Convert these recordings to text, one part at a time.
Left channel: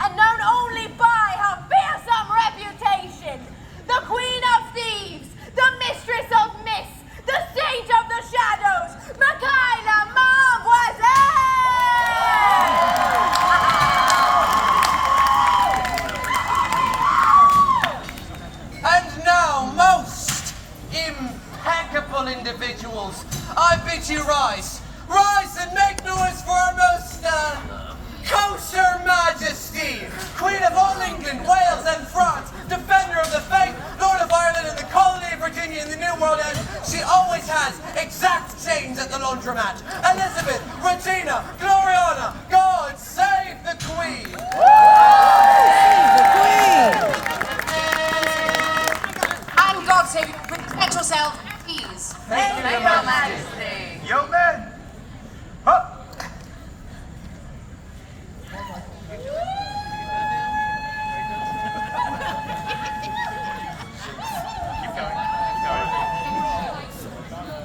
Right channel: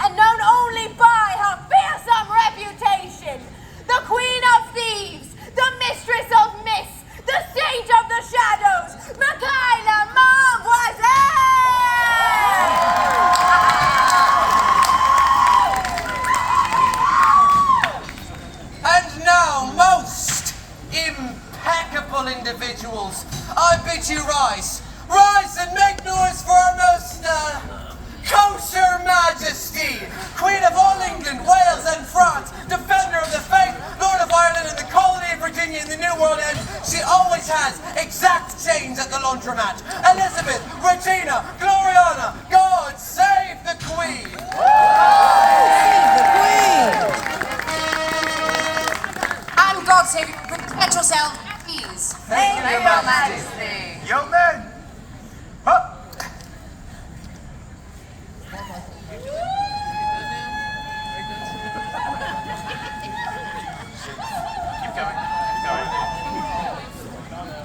and known only by her fearsome reputation, the Queen of Thieves, the Mistress of Mists, the Sage of the Shadows, Micaela And now, most impeccable individuals, I bid you rise. Rise and make noise for our most, kosher majesty, Queen of all England, Wales and France, defender of the faith, Lord of Ireland and the colony of Virginia in the New World, and she always has exact change at the laundromat. Elizabeth, Regina, Gloriana, God save the Queen! Save the Queen! And God save you, get yourself at ease. Thank you, Your Majesty. Young men! Up!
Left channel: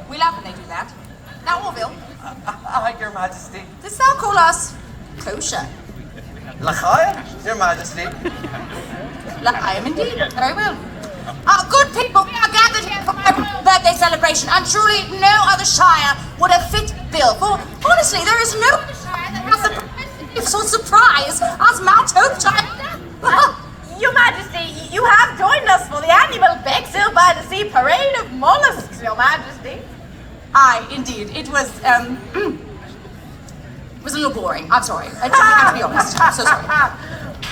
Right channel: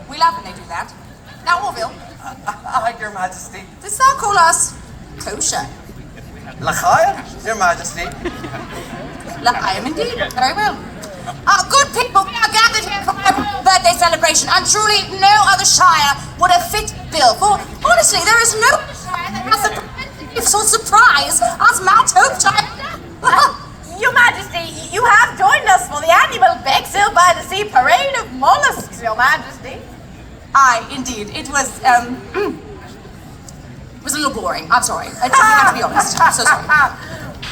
We love when they do that. Now, Orville, Aye, Your Majesty. does thou call us kosher? L'chaim, Your Majesty. I am indeed. Very well. Good people, we are gathered here for my royal birthday celebration, and truly no other shire would have fit bill. For honestly, there is no other shire that has the preventative sort of surprise as Mount Hope Shire. Your Majesty, you have joined us for the annual Bexhill by the Sea Parade of Mollusks, Your Majesty. Aye, indeed. It was a little boring. I'm sorry. I have to be honest. I'm so sorry.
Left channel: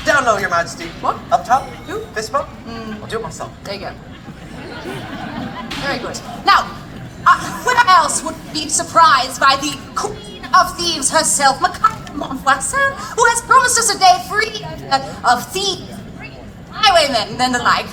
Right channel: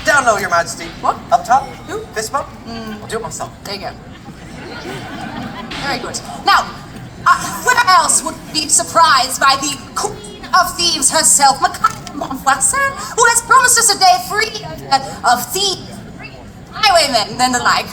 Down low, Your Majesty. What? Up top? Who? Fist bump? I'll do it myself. There you go. Very good. Now, where else would be surprised by the Queen of Thieves herself, Micaela, who has promised us a day free of thieves, highwaymen, and the like.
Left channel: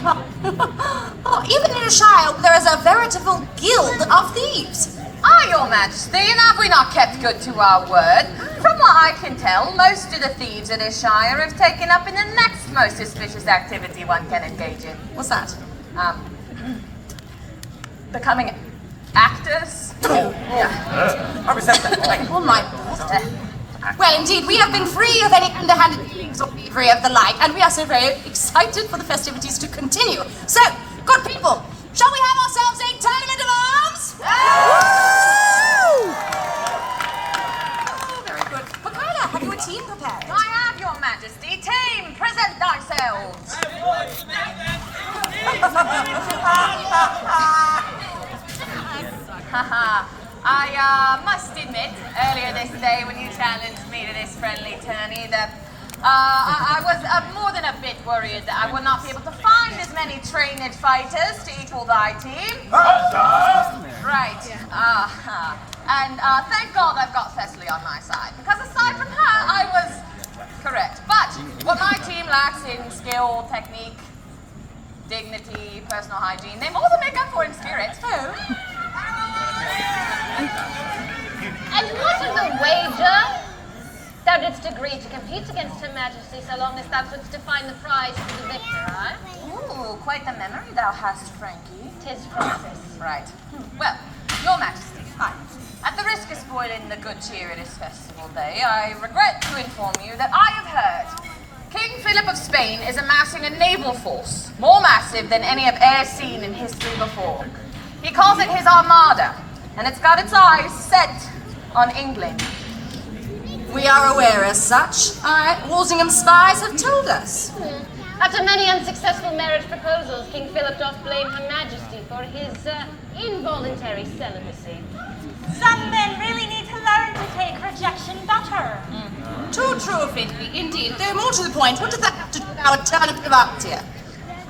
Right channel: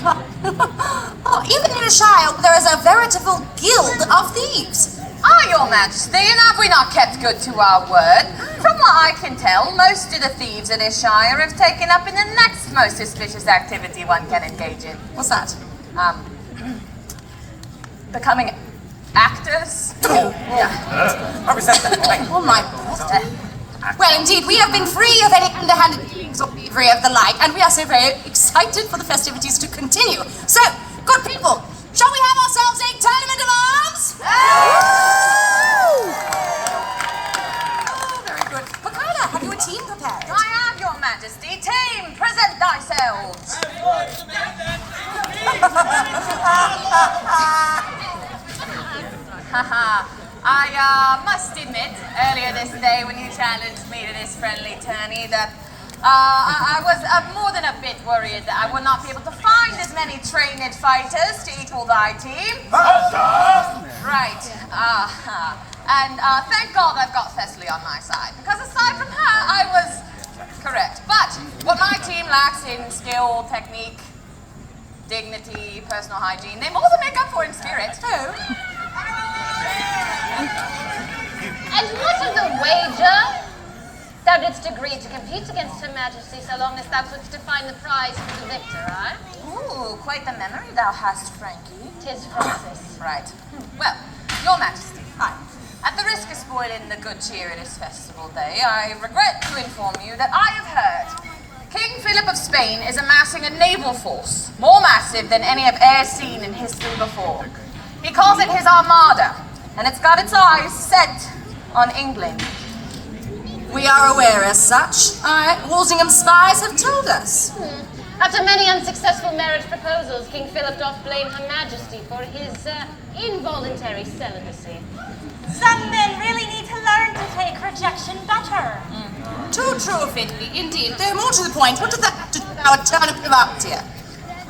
Even in a shire, there is a veritable guild of thieves. Aye, Your Majesty, and have we not kept good to our word? From what I can tell, most of the thieves in this shire have taken up in the next most suspicious activity one can engage in. What's that? Becoming actors. I resent that. Oh my God. Well, indeed, we have been free of any underhanded dealings or thievery of the like, and we are so very excited for the festivities to continue. So, good people, shall we have ourselves a tournament of arms? Woo! Very good. Micaela, have you a team prepared? I have, Your Majesty. Team, present thyselves. I must admit, earlier this day when you challenged me to this friendly tourney, that I was more than a bit worried that I would not be able to find as many trained fighters to equal thy team. Right. And thank God I've got Thessaly on my side, because aside from her, I was correct. But what my team lacks in skill, technique, dignity, personal hygiene, they more than make up for in spirit. And what is a wager? Thou didst agree to compete against Her Majesty so long as thou couldst define the prize for the victor, right? Ooh, quite the memory thou hast, Frankie. 'Tis Francis. Right. Well, Your Majesty, at the risk of spoiling the good cheer of this festival day, I regret to inform you that I have heard King Philip of Spain is amassing a naval force more massive than any I've e'er seen in history before. He calls it his Armada, and it's got its eyes set on England. We are aware as such. Walsingham spies have told us. After many unsuccessful marriage proposals, King Philip doth blame Her Majesty for his involuntary celibacy. Some men really need to learn to take rejection better. Too true of it, indeed. Though more to the point, what does that have to do with our turnip of arts here?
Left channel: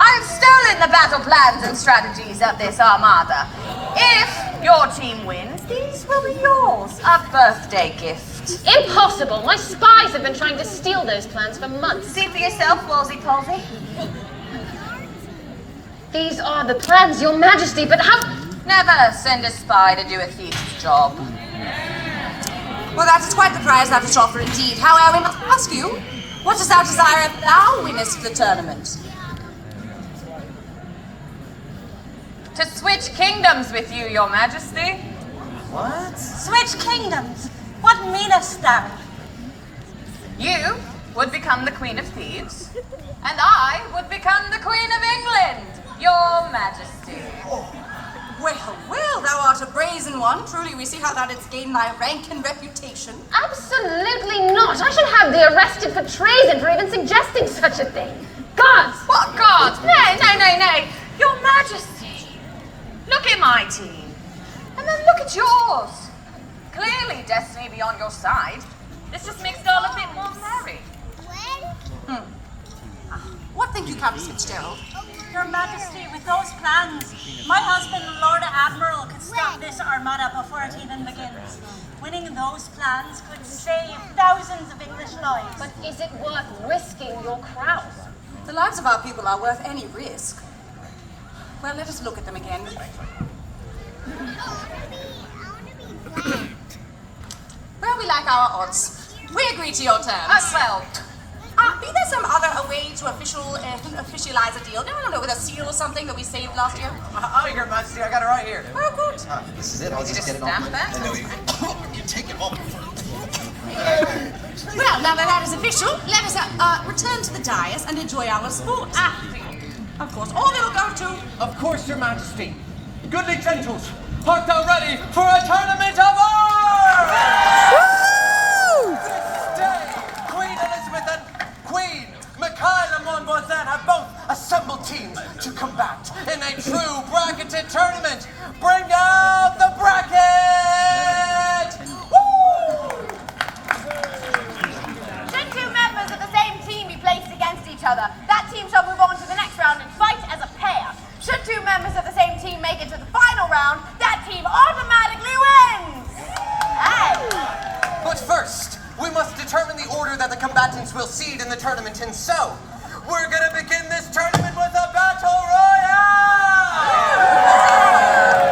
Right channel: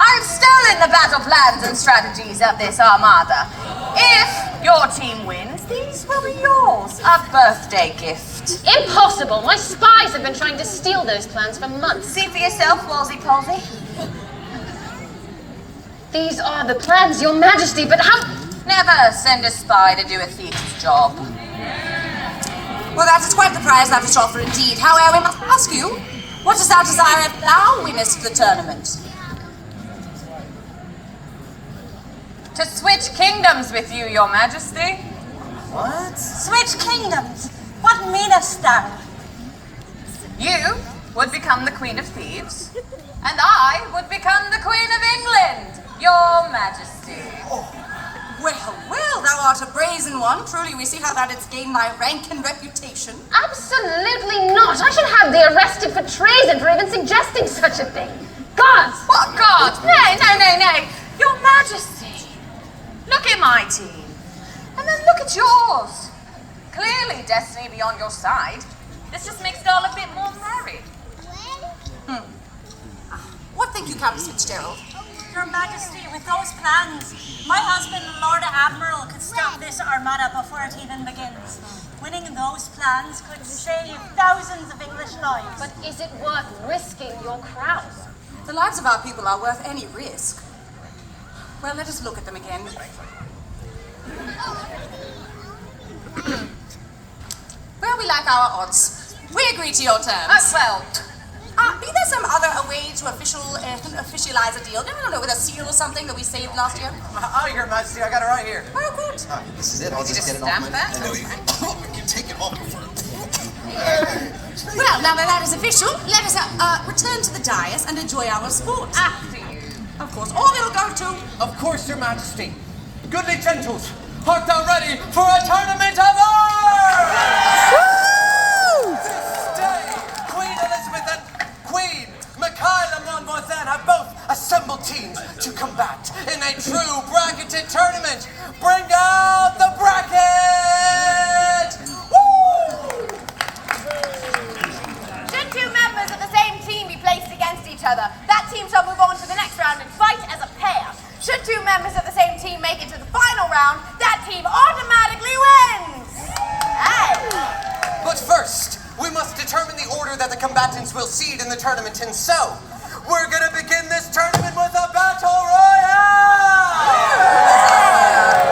I've stolen the battle plans and strategies of this Armada. If your team wins, these will be yours. A birthday gift. Impossible! My spies have been trying to steal those plans for months. See for yourself, Wolsey-Colsey. These are the plans, Your Majesty, but how... Never send a spy to do a thief's job. Well, that is quite the prize thou dost offer indeed. However, we must ask you, what dost thou desire if thou winnest the tournament? To switch kingdoms with you, Your Majesty. What? Switch kingdoms? What meanest thou? You would become the Queen of Thieves, and I would become the Queen of England, Your Majesty. Well, thou art a brazen one. Truly, we see how thou didst gain thy rank and reputation. Absolutely not! I should have thee arrested for treason for even suggesting such a thing. Gods! What God? Nay. Your Majesty. Look at my team, and then look at yours. Clearly, destiny be on your side. This just makes it all a bit more merry. What think you, Countess Fitzgerald? Your Majesty, with those plans, my husband, Lord Admiral, could stop this Armada before it even begins. Winning those plans could save thousands of English lives. But is it worth risking your crown? The lives of our people are worth any risk. Well, let us look at them again. Well, we like our odds. We agree to your terms. Well, Be there some other way to officialize a deal? No, with a seal or something that we saved last year? Oh, Your Majesty, I got it right here. Oh, good. This is it. I'll just get it off my... stamp that? No, you can take it off before... Well, now that that is official, let us return to the dais and enjoy our sport. Of course, all will go to... Of course, Your Majesty. Goodly gentles, art thou ready for a tournament of arms? This day, Queen Elizabeth and Queen Micaela have both assembled teams to combat in a true bracketed tournament. Bring out the bracket! Woo! Should two members of the same team be placed against each other, that team shall move on to the next round and fight as a pair. Should two members of the same team make it to the final round, that team automatically wins! Hey! But first, we must determine the order that the combatants will seed in the tournament, and so, we're gonna begin this tournament with a battle royale!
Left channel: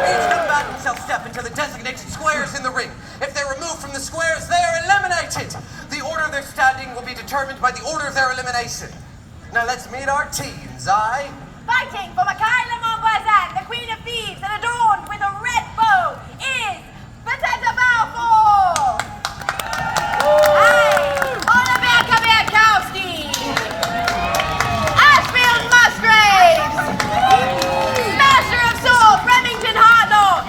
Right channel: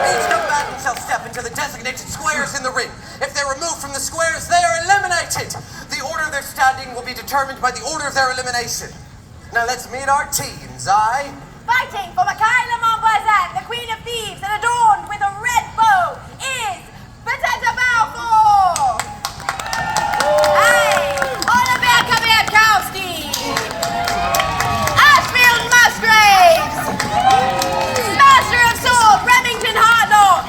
Each combatant shall step into the designated squares in the ring. If they're removed from the squares, they are eliminated. The order of their standing will be determined by the order of their elimination. Now let's meet our teams, Fighting for Micaela Montvoisin, the Queen of Thieves, and adorned with a red bow, is Potato Balfour! Hey! Oliver Kamerkowski! Ashfield Musgraves! Smasher of Soul, Remington Hartlock!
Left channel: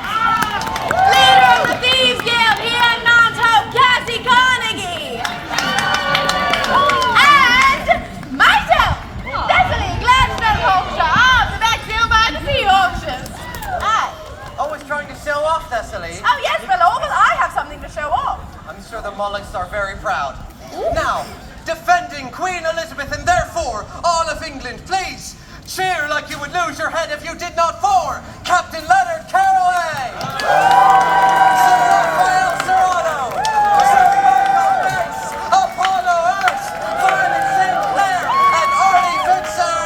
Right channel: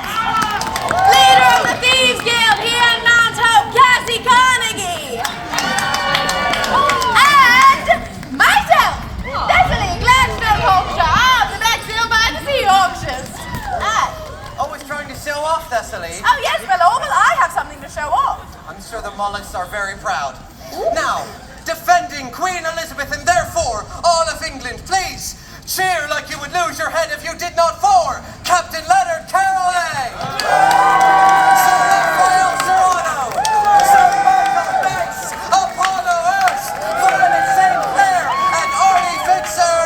Leader of the Thieves Guild here in Mount Hope, Cassie Carnegie! And myself, Cecily Gladstone Hawkshaw of the Bexhill by the Sea Auctions! Always trying to show off, Thessaly. Oh yes, my lord, well I have something to show off. I'm sure the Mullets are very proud. Now, defending Queen Elizabeth and therefore all of England, please cheer like you would lose your head if you did not for Captain Leonard Caraway! Sir Raphael Serrano! Sir Michael Banks! Apollo Hurst! Violet St. Clair! And Artie Fitzer!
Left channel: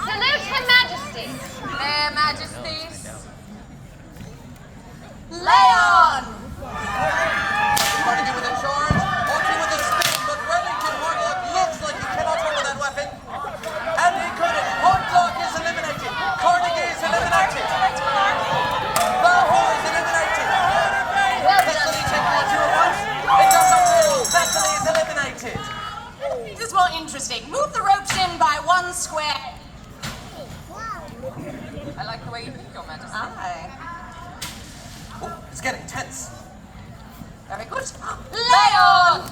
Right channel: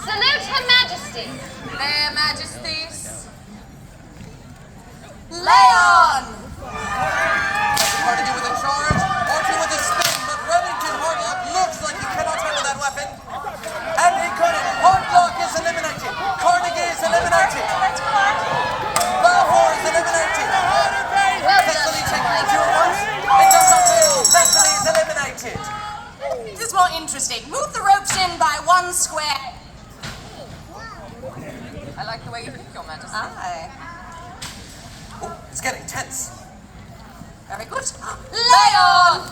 Salute Her Majesty! their majesties. Leon! Carnegie within charge, Archie with a spin, but Remington Hardlock looks like he cannot handle that weapon. And he couldn't. Hardlock is eliminated. Carnegie is eliminated. Balfour is eliminated. Thessaly taking on two rounds. It does not move. Thessaly is eliminated. This is more interesting. Move the ropes in by one square. I like the way you think, Your Majesty. Aye. Oh, it's getting tense. Very good. Leon!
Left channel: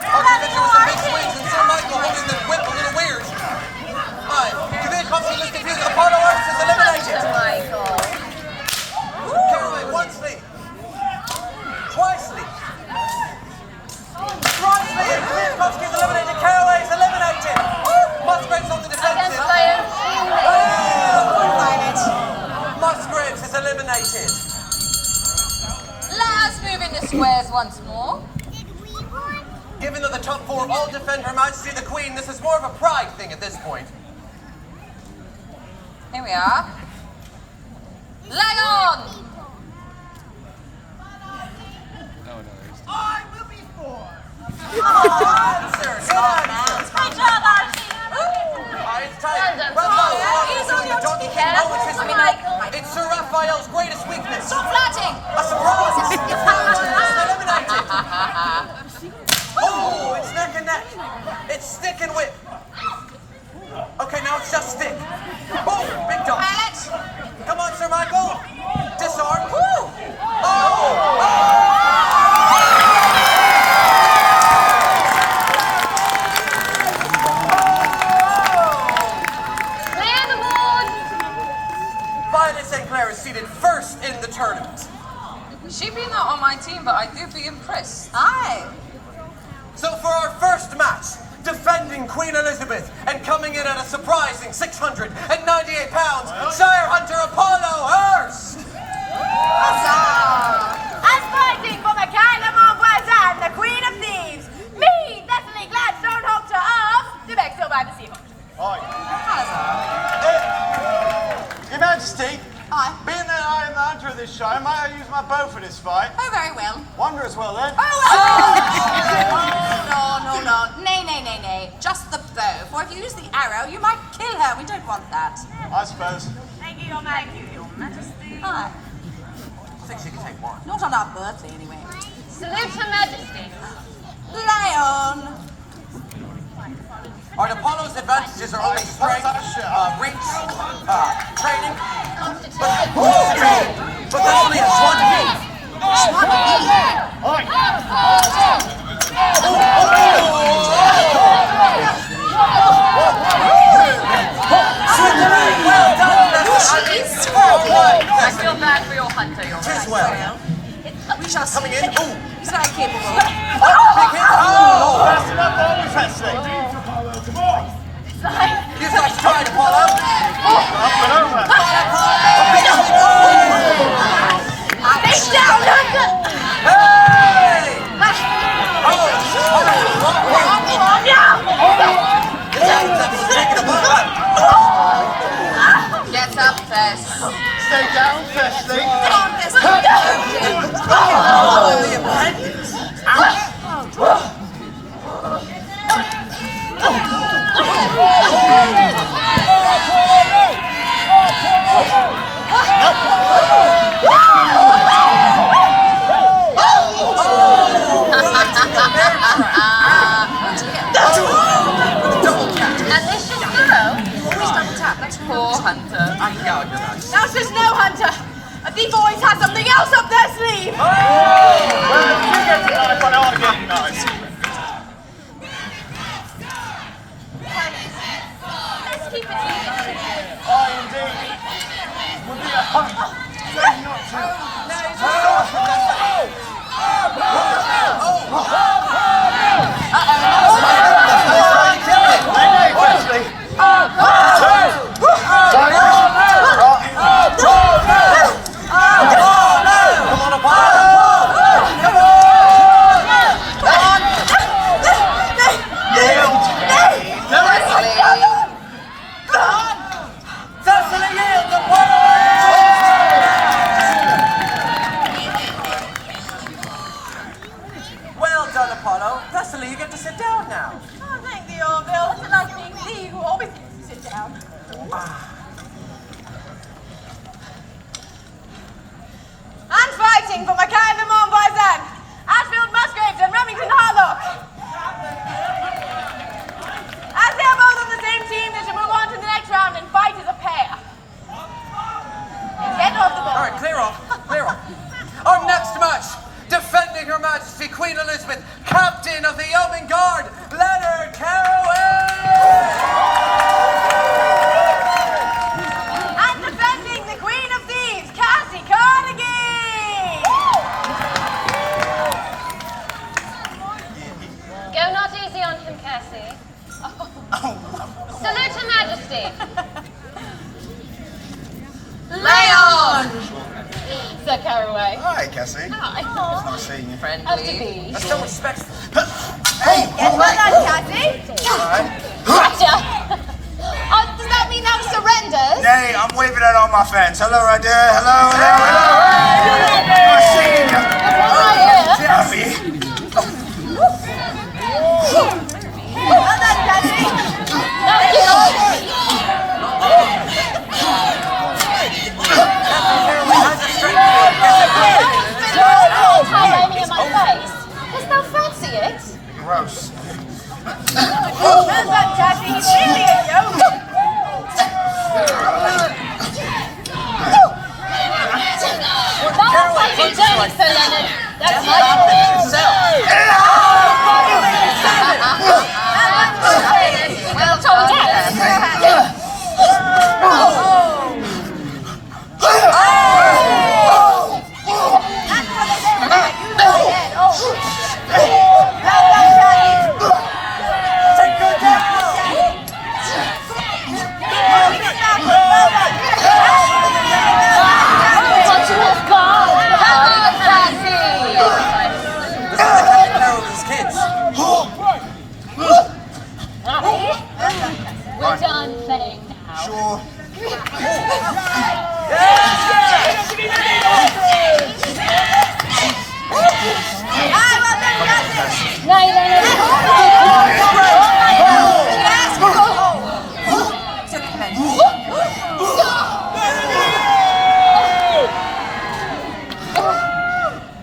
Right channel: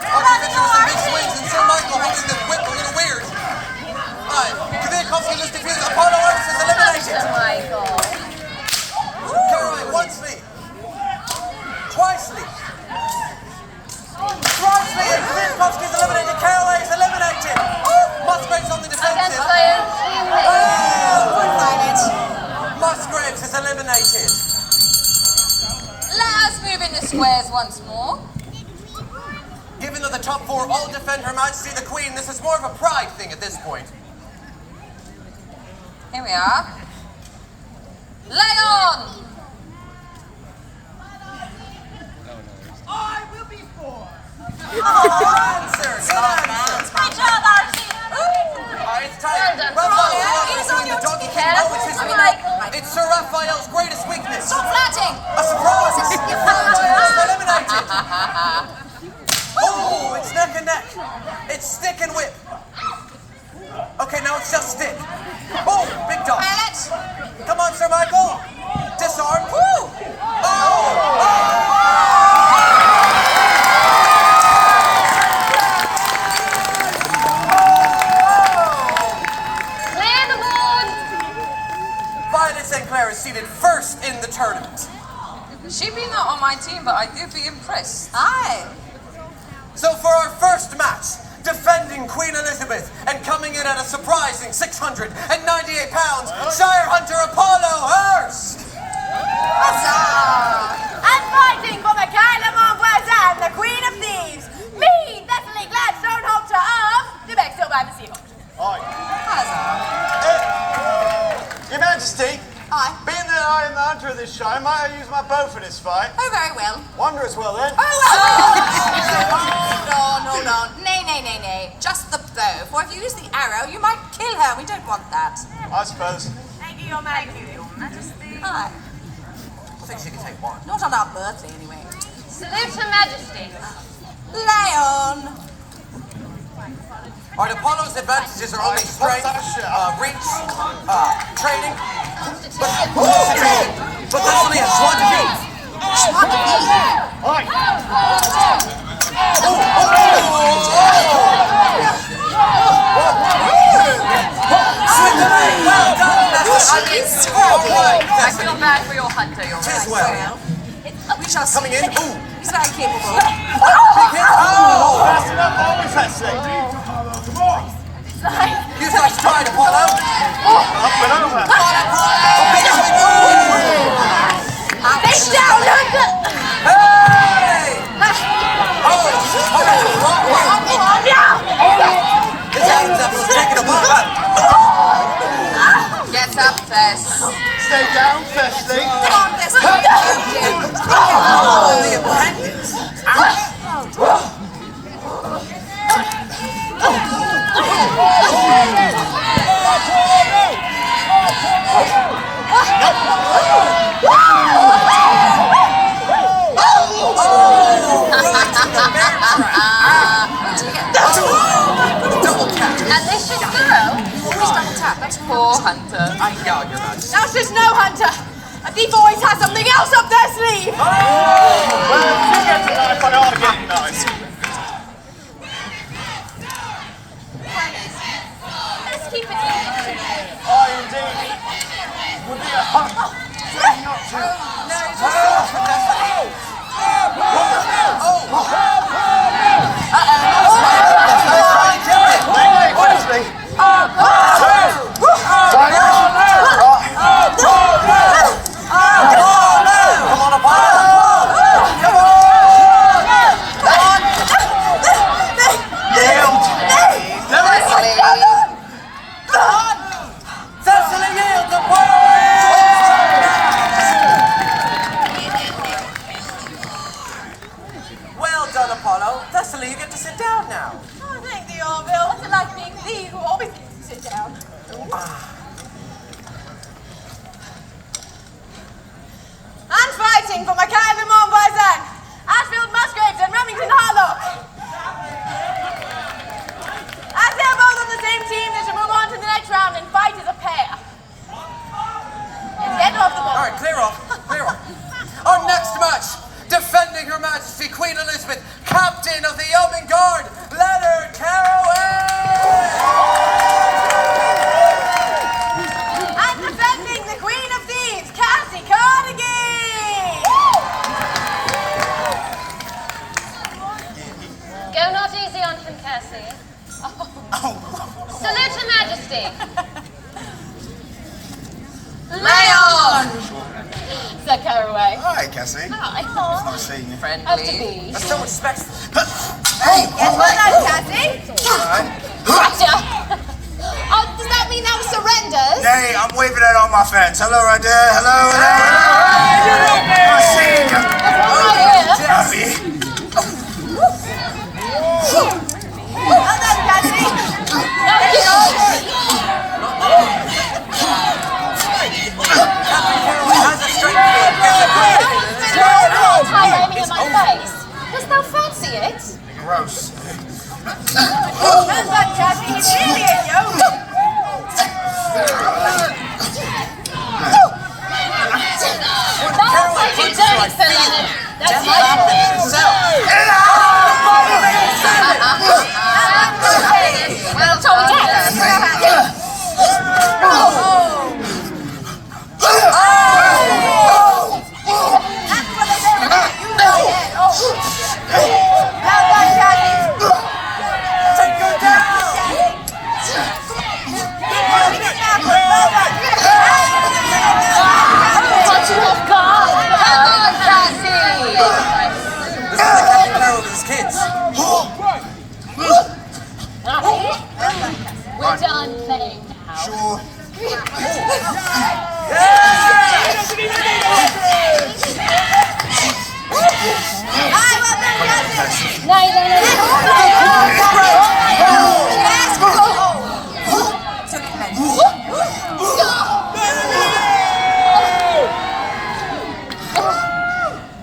Archie doing some big swings and Sir Michael holding the whip a little weird. Kavitkovsky just defeated Apollo Hurst is eliminated. Michael. Caraway oncely. Twicely. Thricely. And Kavitkovsky is eliminated. Caraway is eliminated. Musgrave's on the defensive. once more. Given that the top four all defend Her Majesty the Queen, this is more of a pride thing at this point. Here we are. Lay on! I will be for. Sir, My job, Archie. it's time. He's on your ticket. It's Sir Raphael's greatest weakness. Stop flirting! A surprise! It's eliminated! Oh, it's neck and neck. It's stick and whip. Okay, now it's just stick. Oh, big dog. Pilot! Come on, Sir Michael. Disarm. Woo! Clear the board! Violet St. Clair is seated first in the tournament. She be not on my team, but I do be impressed. Aye. So for our first match, defending Queen Elizabeth and coming in at a surprising 698 pounds, Shire Hunter Apollo Hurst! And fighting for Micaela and the Queen of Thieves, me, Natalie Gladstone Hunter of the Bexhill by the Seaboard. Your Majesty, Aye. being that I am the hunter of this show, might I use my bow for this fight? Oh, very well. Wonder as well then. Oh, no. Nay. Just the bow. For if you use the arrow, you might kill her. We don't want that. I suppose. Thank you, Your Majesty. Aye. I think she can take one. Not on our birthday, anyway. Salute Her Majesty. Lay on. Alright, Apollo's advantages are only strength, reach, training. But that's only a SWAT team. I feel bad for your hunter, your As well. We shall see. Coming in. Ooh. He's very capable. That's enough always, Leslie. You guys tried, Apollo. Up and over. Face down, look! Get up, Tess. Stay down, Leslie. And this should go. Poor hunter. That's just no hunter. A thief always has something else up their sleeve. Let's keep it moving. Would be a shame Well done, Apollo. Thessaly, you get to sit down now. Oh, thank you, Orville. It's like being thee who always gets to sit down. And fighting for Micaela Montbazan, Ashfield Musgraves and Remington Harlock. As they are both on the same team, they shall move on to the next round and fight as a pair. And get off the board. Alright, clear off. Our next match, defending Her Majesty Queen Elizabeth, Captain of the Yeoman Guard, Leonard Caraway! And defending the Queen of Thieves, Cassie Carnegie! Go not easy on him, Cassie. Salute Her Majesty. Lay on. Sir Caraway. Hi, Cassie. Hi. Nice seeing you. Have to be. That's so respectful. Hey, Well done, Cassie. Roger. Does that mean that surrenders? Hey, I'm waving at all my fans. Hello, right there. Hello, hello, hello. Nice seeing you. Happy. Well done, Cassie. Try aiming in my face. Dost thou fancy it? Gross. Well done, Cassie. You really ate you. Don't take it down, Sir Leonard. That's my fault. Well, Tom What you have got? Come on, Cassie. Kids. We're done playing now. Sure. Nay,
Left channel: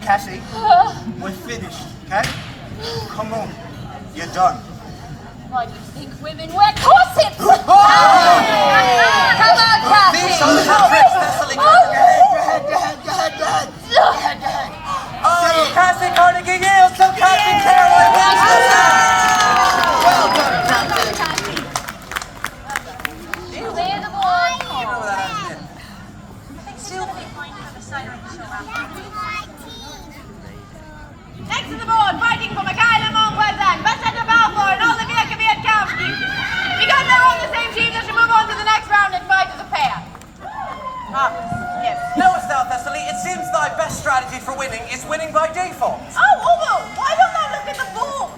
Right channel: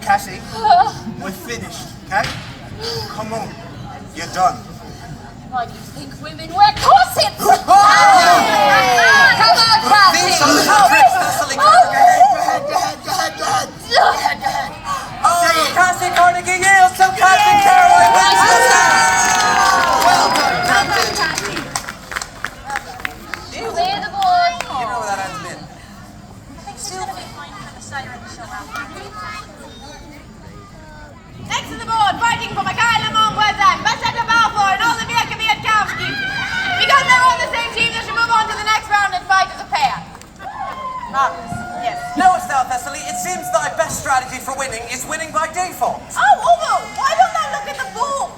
Cassie, we're finished, okay? Come on. You're done. Why do you think women wear corsets? Come on, Cassie. Cassie Carnegie Hills, so Captain Clear the board. Still be fine for the side of the show after. Next to the board, fighting for Micaela Montvoisin, Bassetta Balfour, and all the Vietnamese. Because they're on the same team, they should move on to the next round and fight as a pair. Yes. Notice that, Thessaly, it seems thy best strategy for winning is winning by default. Oh, Ugo, why don't I look at the board?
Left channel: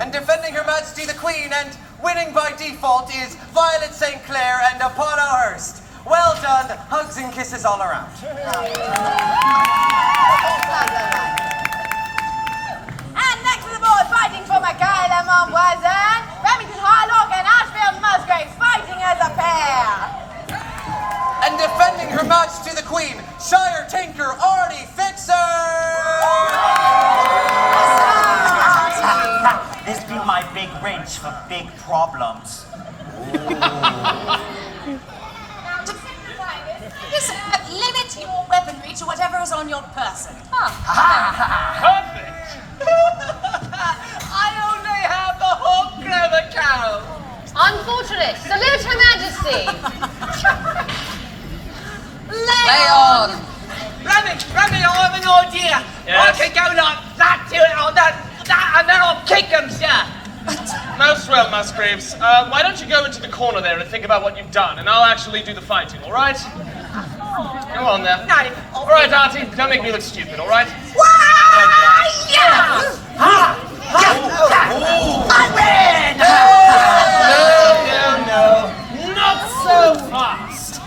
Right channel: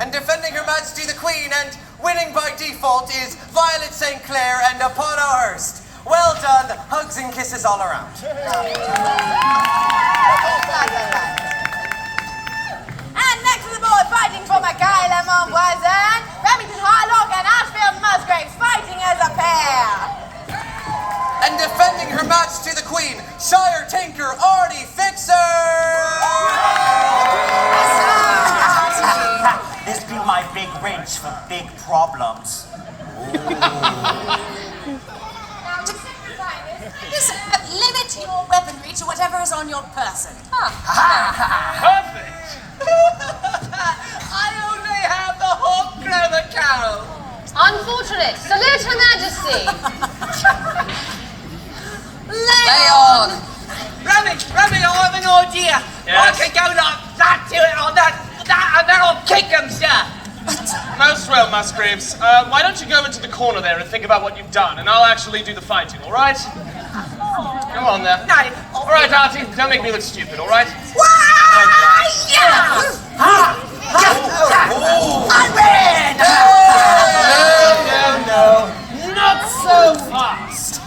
And defending Her Majesty the Queen and winning by default is Violet St. Clair and Apollo Hurst. Well done, hugs and kisses all around. And next to the board, fighting for Micaela Montvoisin, Remington Harlock and Ashfield Musgraves fighting as a pair. And defending Her Majesty the Queen, Shire Tinker Artie Fixer! This be my big wrench for big problems. Listen, limit your weaponry to whatever is on your person. Perfect! I only have the hook for the cow! Unfortunate. Salute Her Majesty. Lay on. Remy, I have an idea. I can go like that to it on that, and then I'll kick him, sir. Most well, Musgraves. Why don't you go into the corner there and think about what you've done, and I'll actually do the fighting, all right? Go on there. No. All right, Artie, don't make me look stupid, all right? I win! No. Not so fast.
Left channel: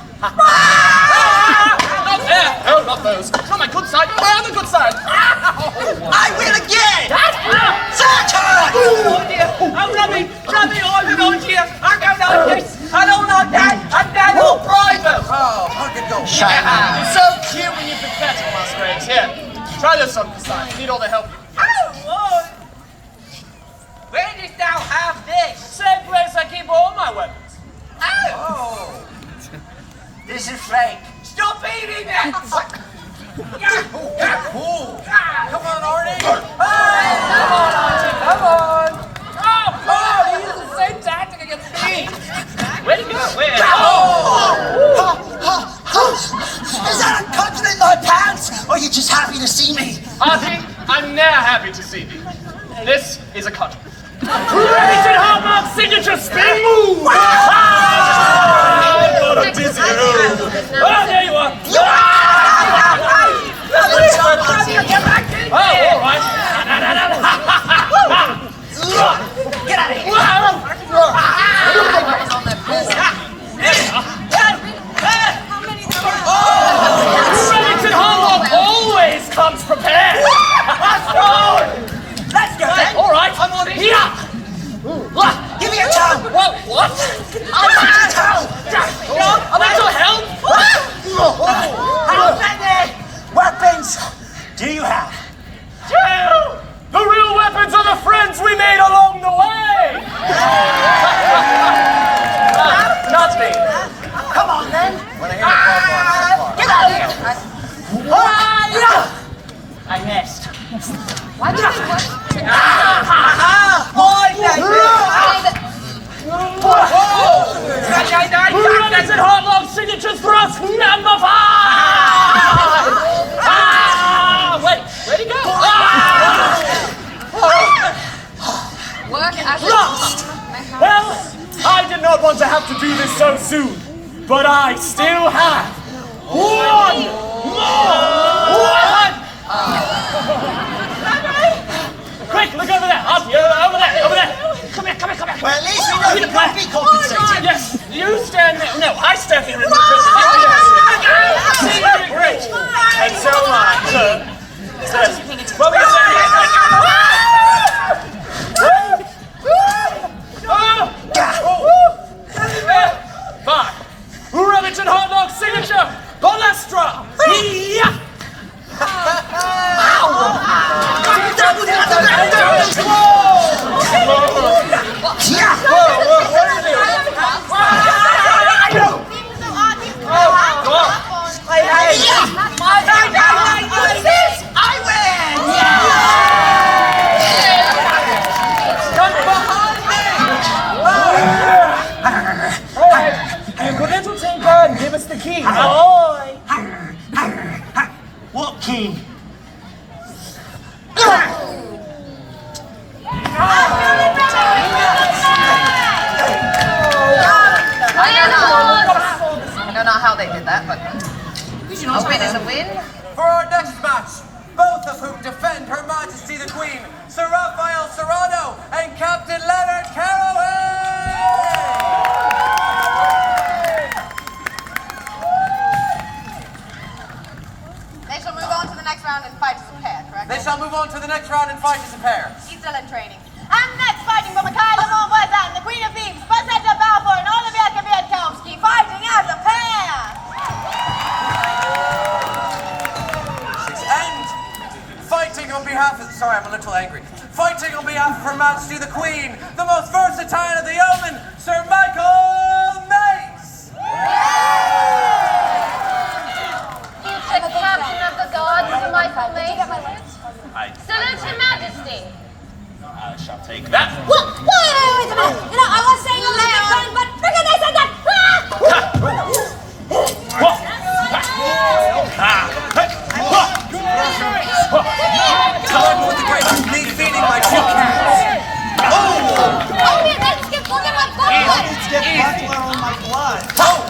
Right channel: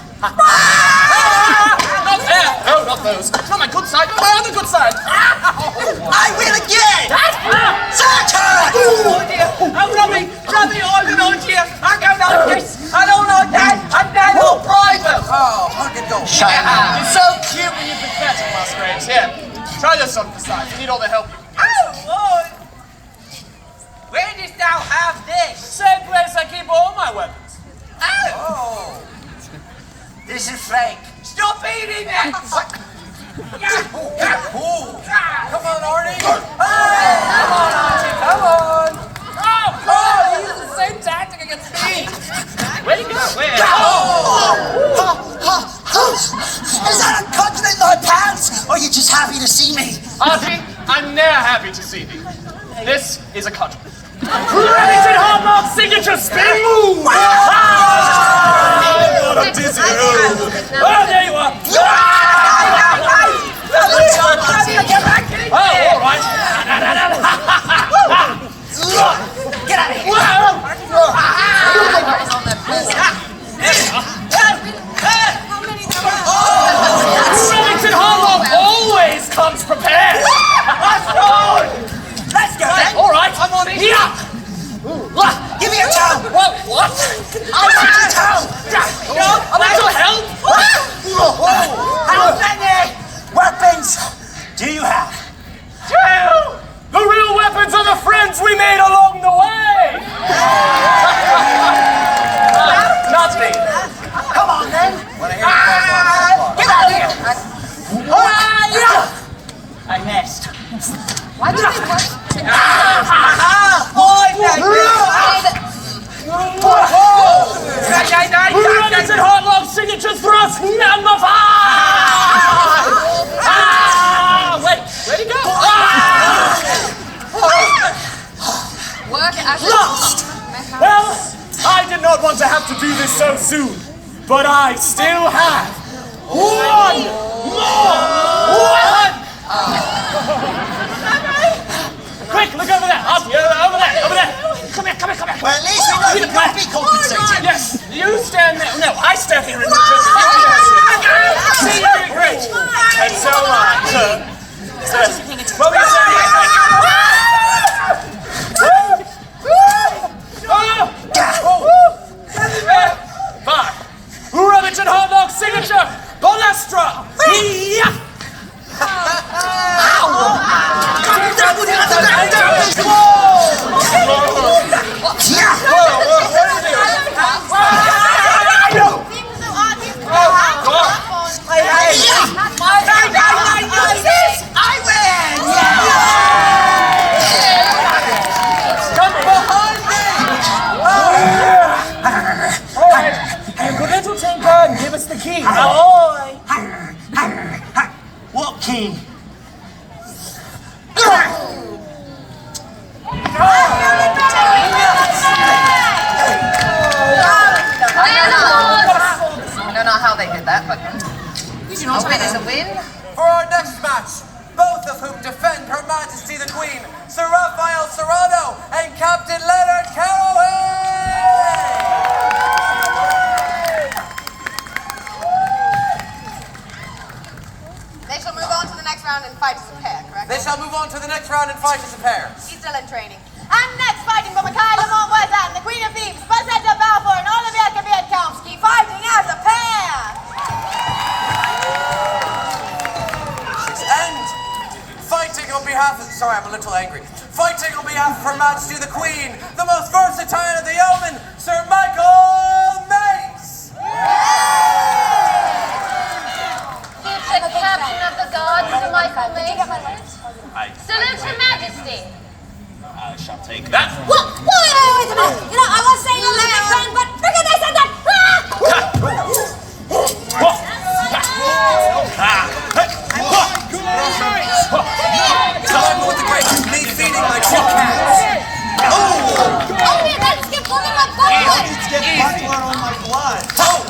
Oh, not those. It's not my good side. My other good side. I win again! Turn! Oh dear! I'm Robbie, I've an idea! I don't like this! I don't like that! I'm that all private! Oh, hug and go. It's so cute when you're pathetic, Musgraves. Here, try this on the side. You need all the help. Oh, Lord! Where dost thou have this? Same place I keep all my weapons. Oh! This is fake. Stop eating it! Come on, Artie! Come on, Artie, come on! Oh, you use the same tactic against me! Where'd he go? Where? Is that a cudgel in my pants? Or are you just happy to see me? Artie, I'm never happy to see you. This is a cudgel. Remington Hallmark's signature spin move! Wow! Oh, what a dizzy move! Oh, there you are! Get back in! Oh, all right. Get out of here! Remington Harlock always comes prepared! Let's go then! All right, I'm on it. Yeah! Give me a towel! Well, what? I'll make a towel! I'm out to help! How many weapons do you have? 2! The real weapons are the friends we made along the way! Not me. Come on then! Get out of here! I missed. Why did they put... Remington Harlock's signature thrust number 5! Wait, where'd he go? Work as Well, I did not want to have to do this so soon, but I still have one more weapon! Quick, look over there! Over there! Come here! Well, at least we know you're not be compensated. Yes, you stand there. No, I stand here in the See, great. And so am I. What were you saying? 5. Remington Harlock's signature, Balestra! Yeah! And give us the key. Ahoy! What key? I don't know how they did that, but... Okay, there's a win. For our next match, both of whom defend Her Majesty the Queen, Sir Raphael Serrano and Captain Leonard Caraway! They shall move on to the next round and fight as a pair, correct? They shall move on to the next round and fight as a pair. He's still in training. And next, fighting for Micaela and the Queen of Thieves, Basetta Balfour and Olivia Kwiatkowski, fighting as a pair! And fighting on behalf of... Sorry, I'm a little angry. Fighting on behalf of Her Majesty the Queen, the most versatile of the yeomen, Sir Michael Mace! Future captain of the guard, Sir Michael Mace. Salute Her Majesty. I shall take that. Wait a minute! You know, I was saying a little friend, but look at this and that! Along with the great, leave feeding my truck hands. Oh! Let's get one of my Let's get butter on my blood. Oh!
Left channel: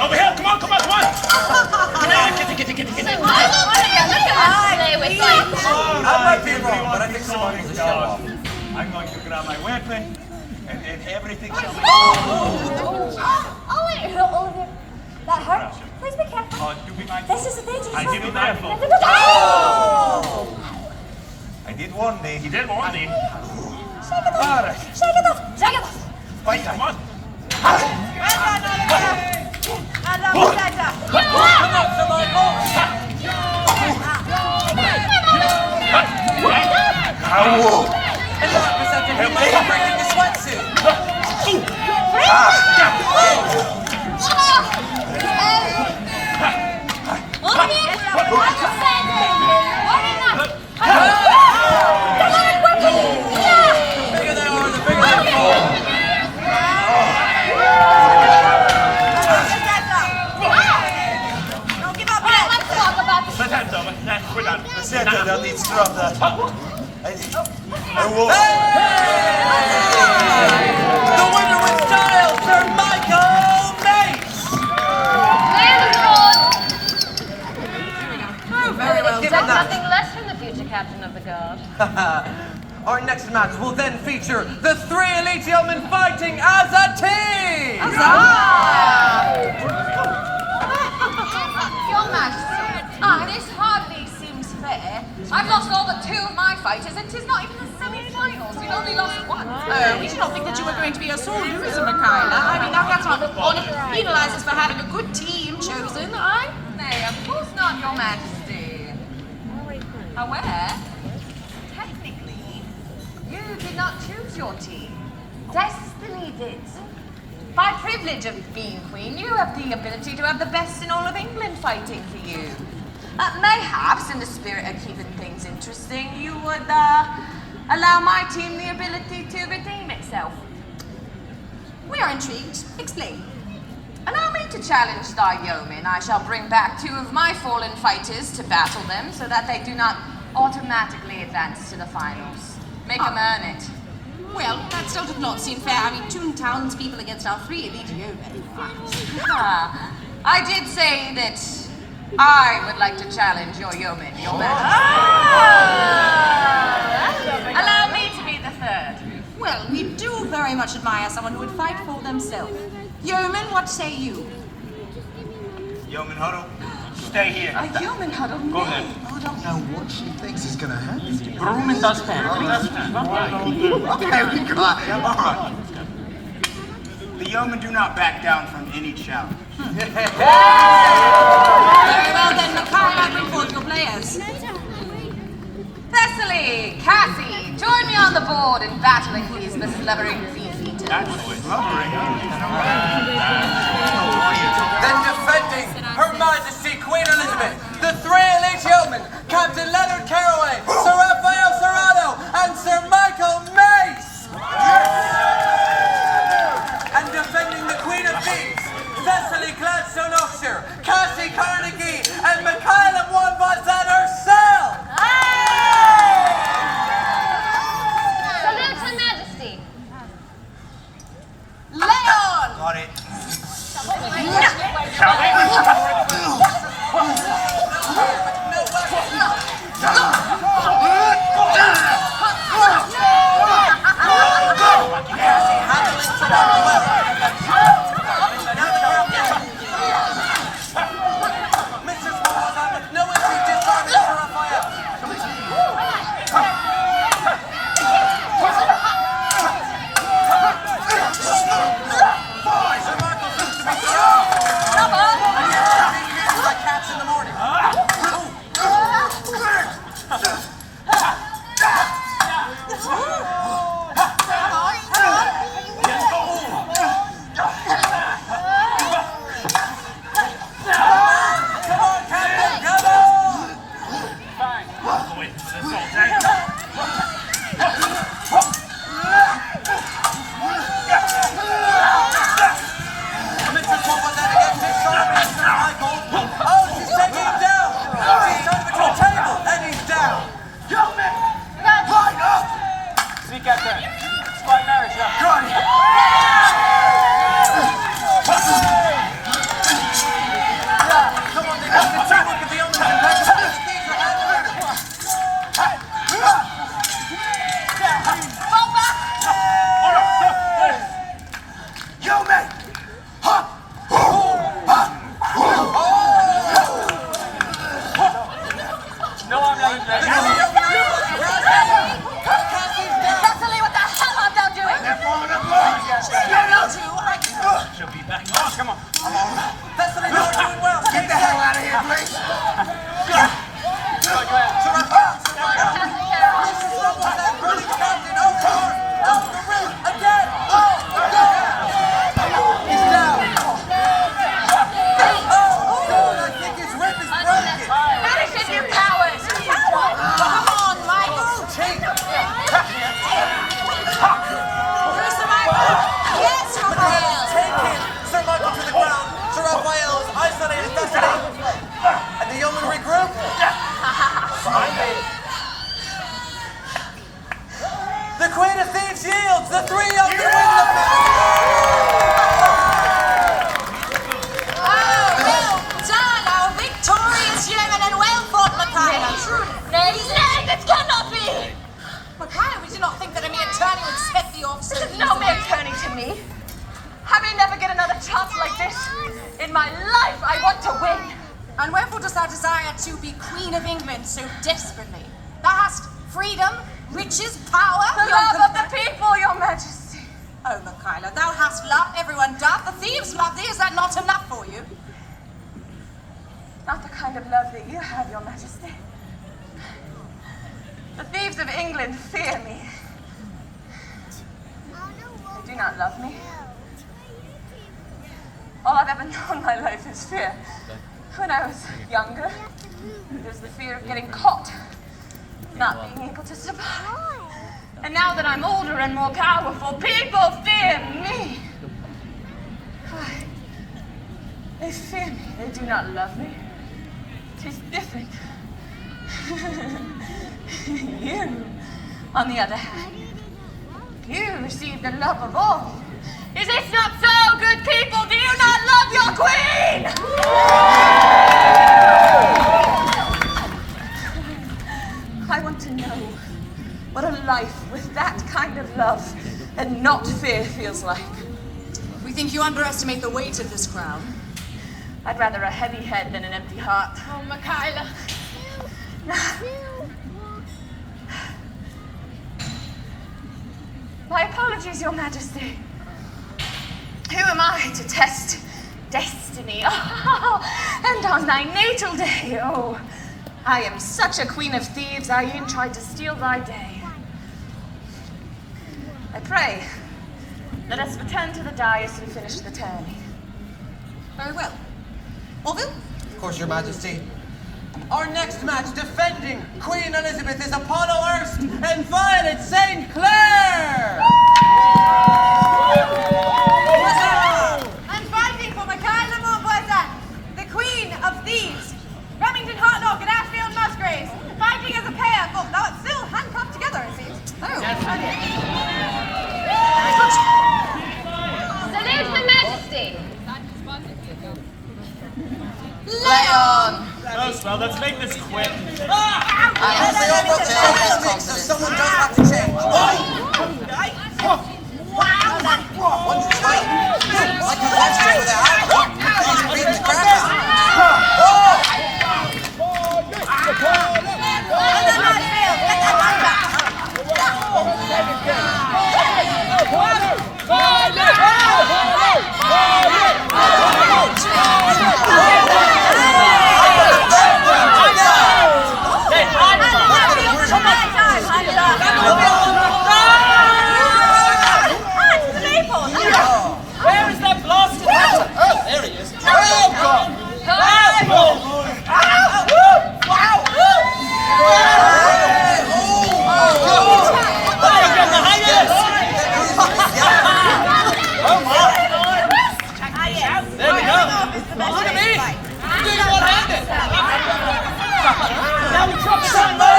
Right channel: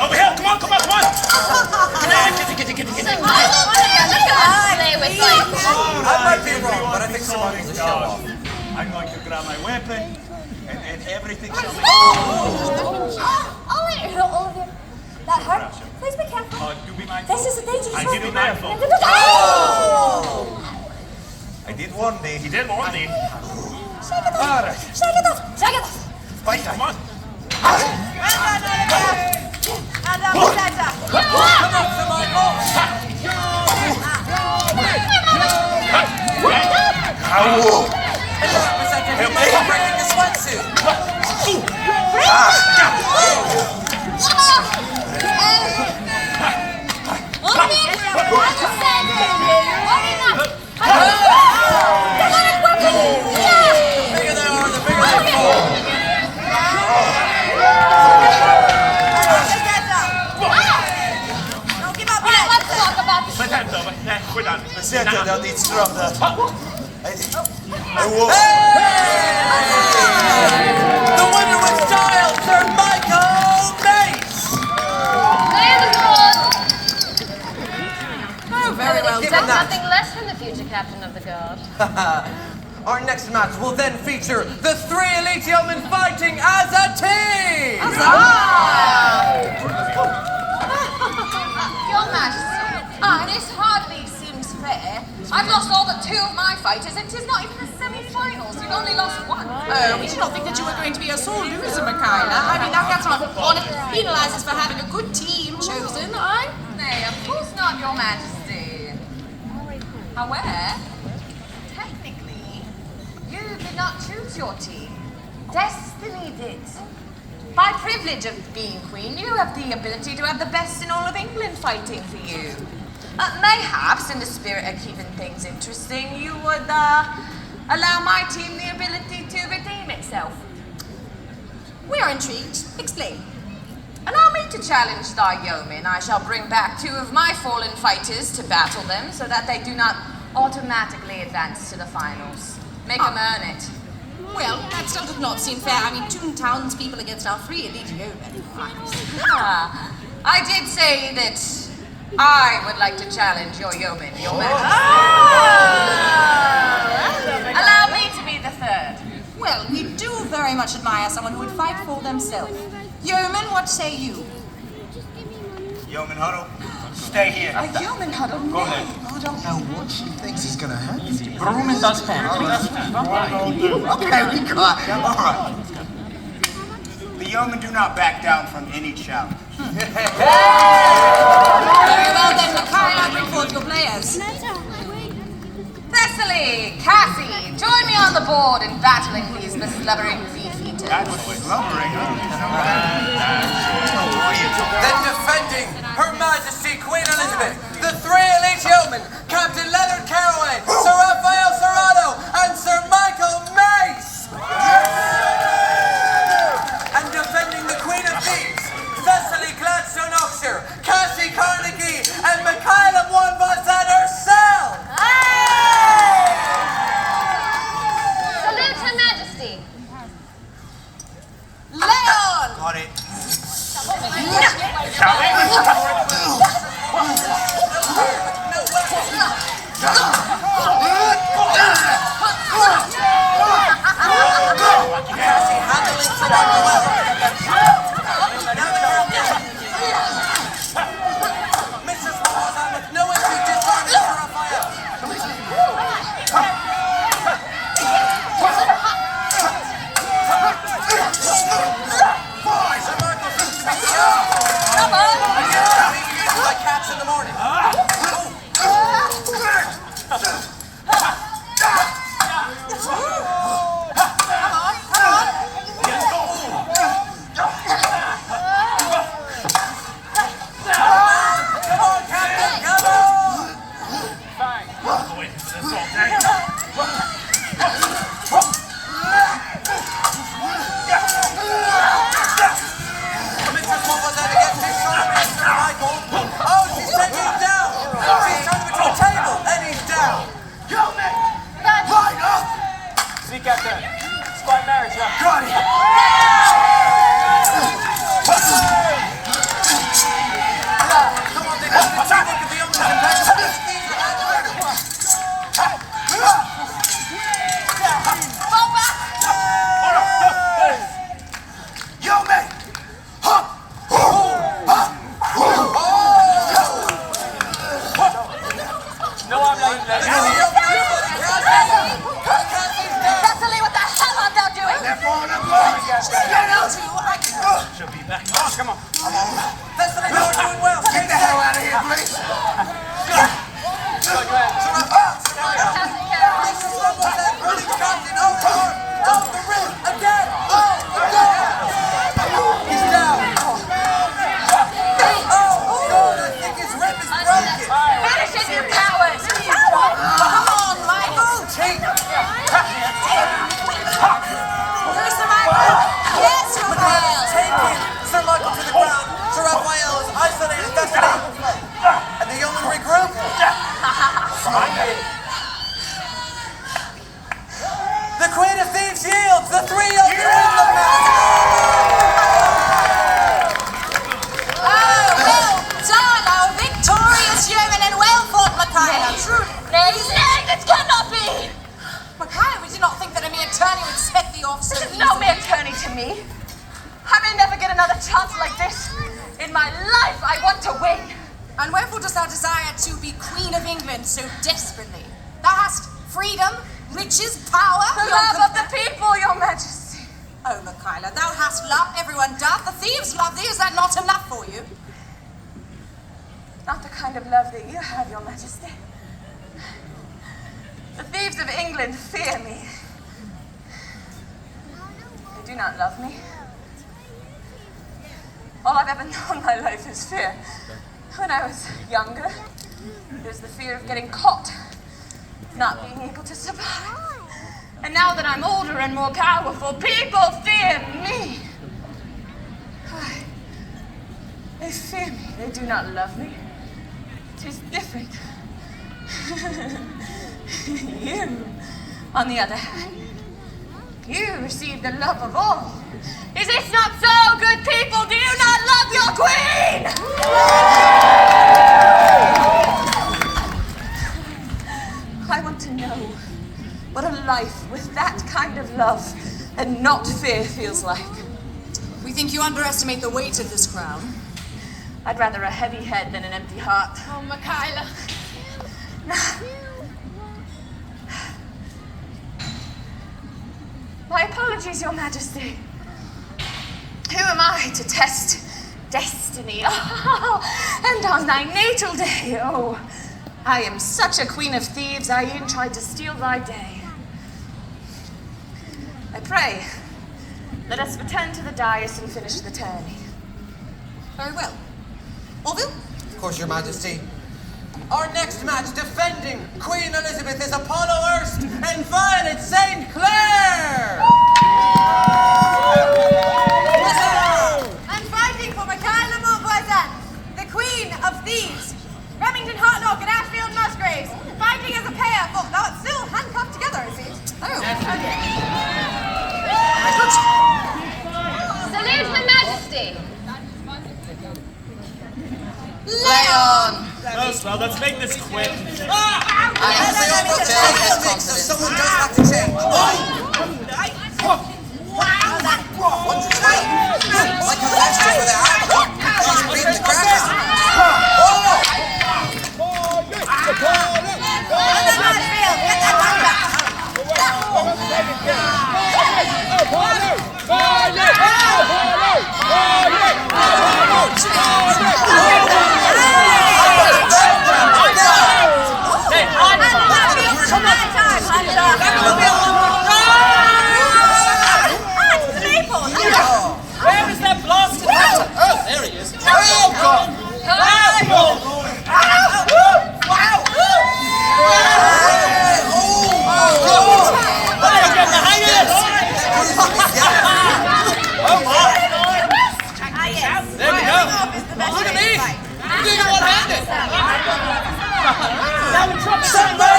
Over here, come on. Stay with me. I might be wrong, but I think someone will show off. I'm going to grab my weapon, and then everything shall be... Olivia, that hurt. Please be careful. Do be mindful. This is a dangerous I did be mindful. I did warn me. He did warn me. Shake it off. Shake it off. Shake it off. Fight, come on. Representing the sweatsuit. Senta, dat iets erop dat. The winner with style, Sir Michael Mace! Oh, very well done. Nothing less than the future captain of the guard. Our next match will then feature the 3 elite yeomen fighting as a team! Your Majesty, this hardly seems fair. I've lost all but 2 of my fighters, and 'tis not even the semi-finals. You've only lost 1. Oh, we did not think that you were going to be a sore loser, Micaela. I mean, that's not honor penalizes for having a good team chosen, right? Nay, of course not, Your Majesty. However, technically, you did not choose your team. Destiny did. By privilege of being queen, you have the ability to have the best in all of England fighting for you. Mayhaps, in the spirit of keeping things interesting, you would allow my team the ability to redeem itself. We are intrigued. Explain. Allow me to challenge thy yeomen. I shall bring back 2 of my fallen fighters to battle them so that they do not automatically advance to the finals. Make them earn it. Well, that still does not seem fair. I mean, 2 townspeople against our 3 elite yeomen. I did say that I would like to challenge your yeomen, Your Majesty. Allow me to be the 3rd. Well, we do very much admire someone who would fight for themselves. Yeoman, what say you? Yeoman Huddle, stay here. A yeoman huddle? Go ahead. I don't know what she thinks is going to happen. Broom and dustpan. Okay, we got it. All right. The yeomen do not back down from any challenge. Very well then, Micaela, bring forth your players. Thessaly, Cassie, join me on the board in battling these mislumbering beefeaters. Then defending Her Majesty Queen Elizabeth, the 3 elite yeomen, Captain Leonard Caraway, Sir Raphael Serrano, and Sir Michael Mace! And defending the Queen of Thieves, Thessaly Gladstone Oxshire, Cassie Carnegie, and Micaela Moinbazet herself! Salute Her Majesty. Leon! Got it. Finish broken. The Queen of Thieves yields. The three of you win the match. Oh, well done, our victorious yeoman, and well fought, Micaela. Nay, this cannot be! Micaela, we do not think that a mere tourney would set thee off so This is easily. no mere tourney to me. I may never get another chance like this. In my life, I want to win. And wherefore dost thou desire to be Queen of England so desperately? Thou hast freedom, riches, power. The love of the people, your majesty. Oh, Micaela, thou hast love, everyone doth. The thieves love thee. Is that not enough for you? Not the kind of love that you have, your majesty. The thieves of England fear me. They do not love me. All I've ever known in my life is fear. When I was younger, it was the fear of getting caught, not being able to survive. And now that I'm older and more powerful, people fear me. Why? They fear me. They do not love me. It is different. You, on the other hand, you receive the love of all. Is this not so, good people? Do you not love your queen? I want to know what a life with that kind of love and not fear feels like. We think you underestimate the weight of this crown. I'd rather a heavy head than an empty heart. Oh, Micaela. My apologies, your majesty. Who am I to test destiny? Oh, and on thy natal day, oh, I am such a queen of thieves, I e'en tried to steal thy day. I pray, let us return to the dais and finish the tourney. Very well. Orville? Of course, your majesty. Our next match, defending Queen Elizabeth, is Apollo Hurst and Violet St. Clair! And fighting for Micaela Montvoisin, the Queen of Thieves. Remington Hartlock and Ashfield Musgraves, fighting as a pair, though it's still handcuffed together, it seems. Salute Her Majesty. Leon! Oh, well, let's make this quick. They all want to change this thing, so someone does have to change. One to change. Like the next one without. Beat the ground. Where is that blasted hunter? Oh, there he is. Oh, God! Get behind us! Oh, my! There we go. Look at me! You're doing one-handed! Now we drop somewhere!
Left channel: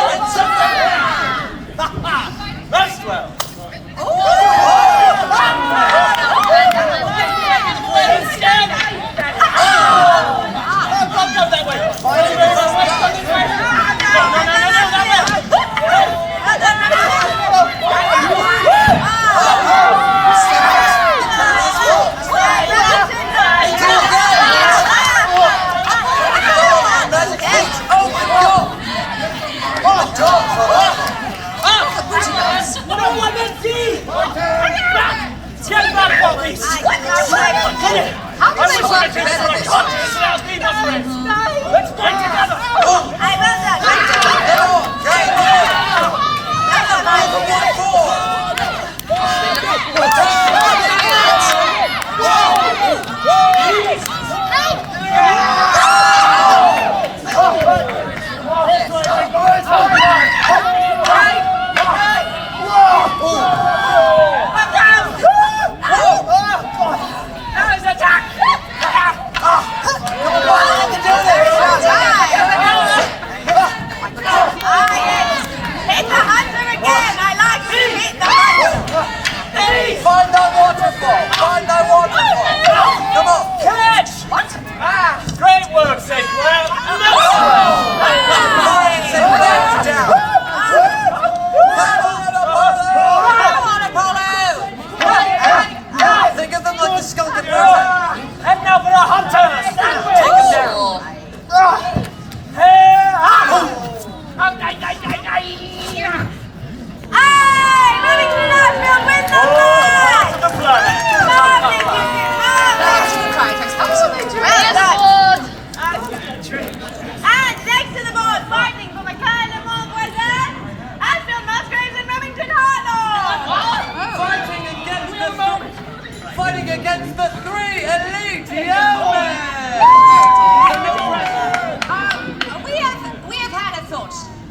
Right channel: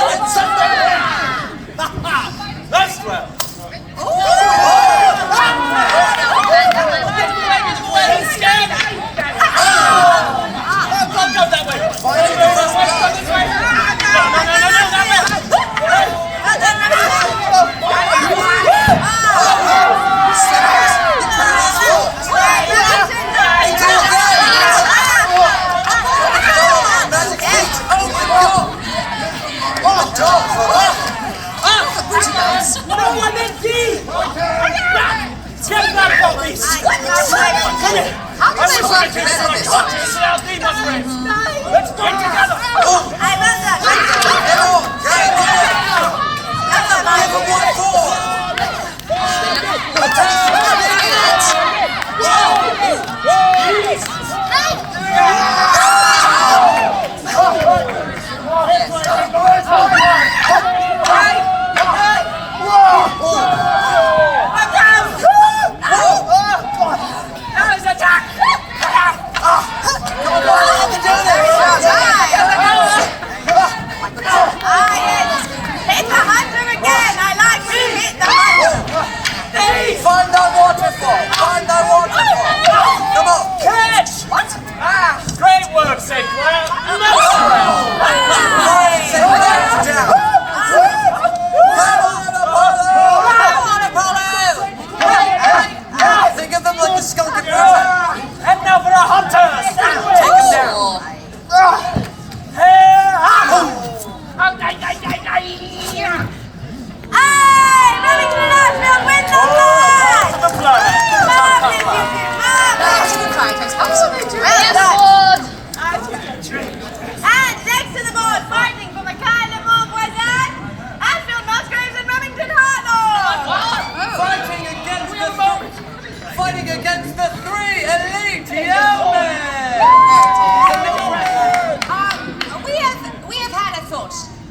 Nice one! Let's fight together! I love that.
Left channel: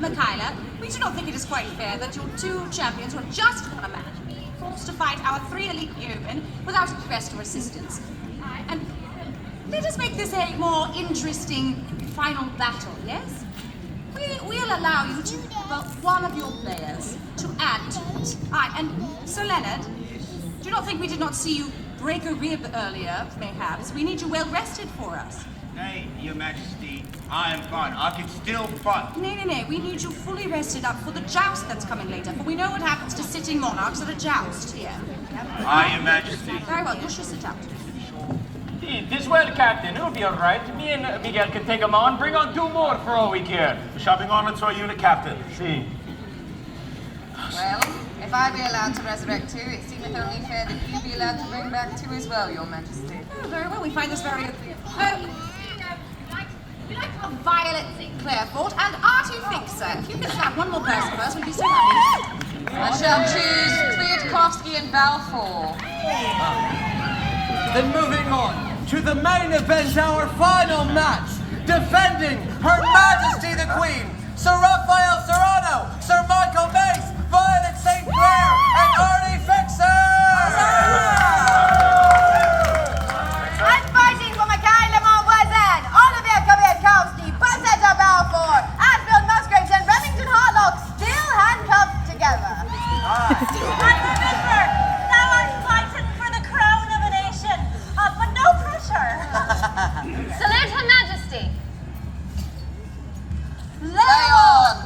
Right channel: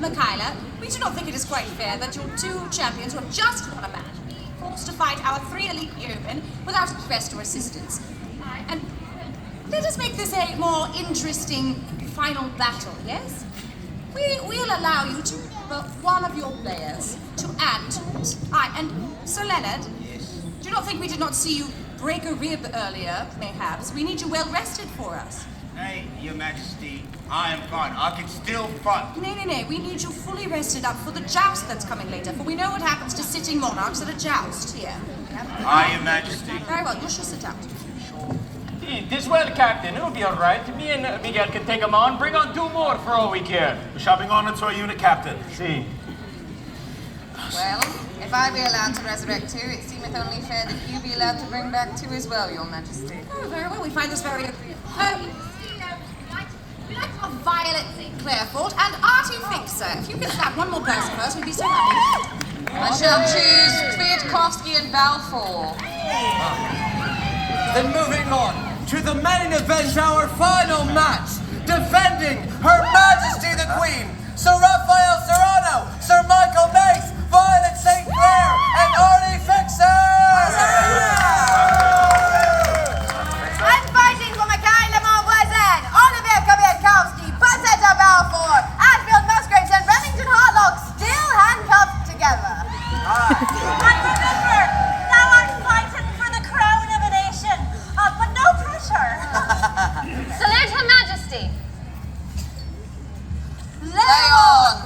Micaela, we do not think it is quite fair that your two champions who have just won a match be forced to fight our 3 elite yeomen without request or assistance. And let us make this a more interesting final battle, yes? We'll allow you to but one of your players to add to it. And Sir Leonard, do you not think we did not see you break a rib earlier, perhaps? We need you well rested for us. Nay, Your Majesty, I am fine. I can still fight. Nay. We need you fully rested up for the joust that's coming later, for we know what happens to sitting monarchs at a joust here. Aye, Your Majesty. Very well, you shall sit out. This well, Captain. It'll be all right. Me and Miguel can take them on. Bring on 2 more for all we care. Shoving on into our unit, Captain. See. Well, if I be allowed to resurrect 2, it seemeth only fair that you be allowed to bring back 2 as well, Your Majesty. Oh, very well, we find this very agreeable. We like our Violet Sinclair fought, and Artie thinks so. If you could snap one more person first, we'd be so happy. I shall choose Kwiatkowski and Balfour. Then moving on to the main event, our final match, defending Her Majesty the Queen, Sir Raphael Serrano, Sir Michael Mace, Violet St. Clair, and Artie Fixer! And fighting for Micaela Montvoisin, Olivier Kwiatkowski, Buzzetta Balfour, Anfield Musgraves, and Remington Harlock, still handcuffed together. And remember, now I'm fighting for the crown of a nation, but no pressure. Salute Her Majesty. Leon!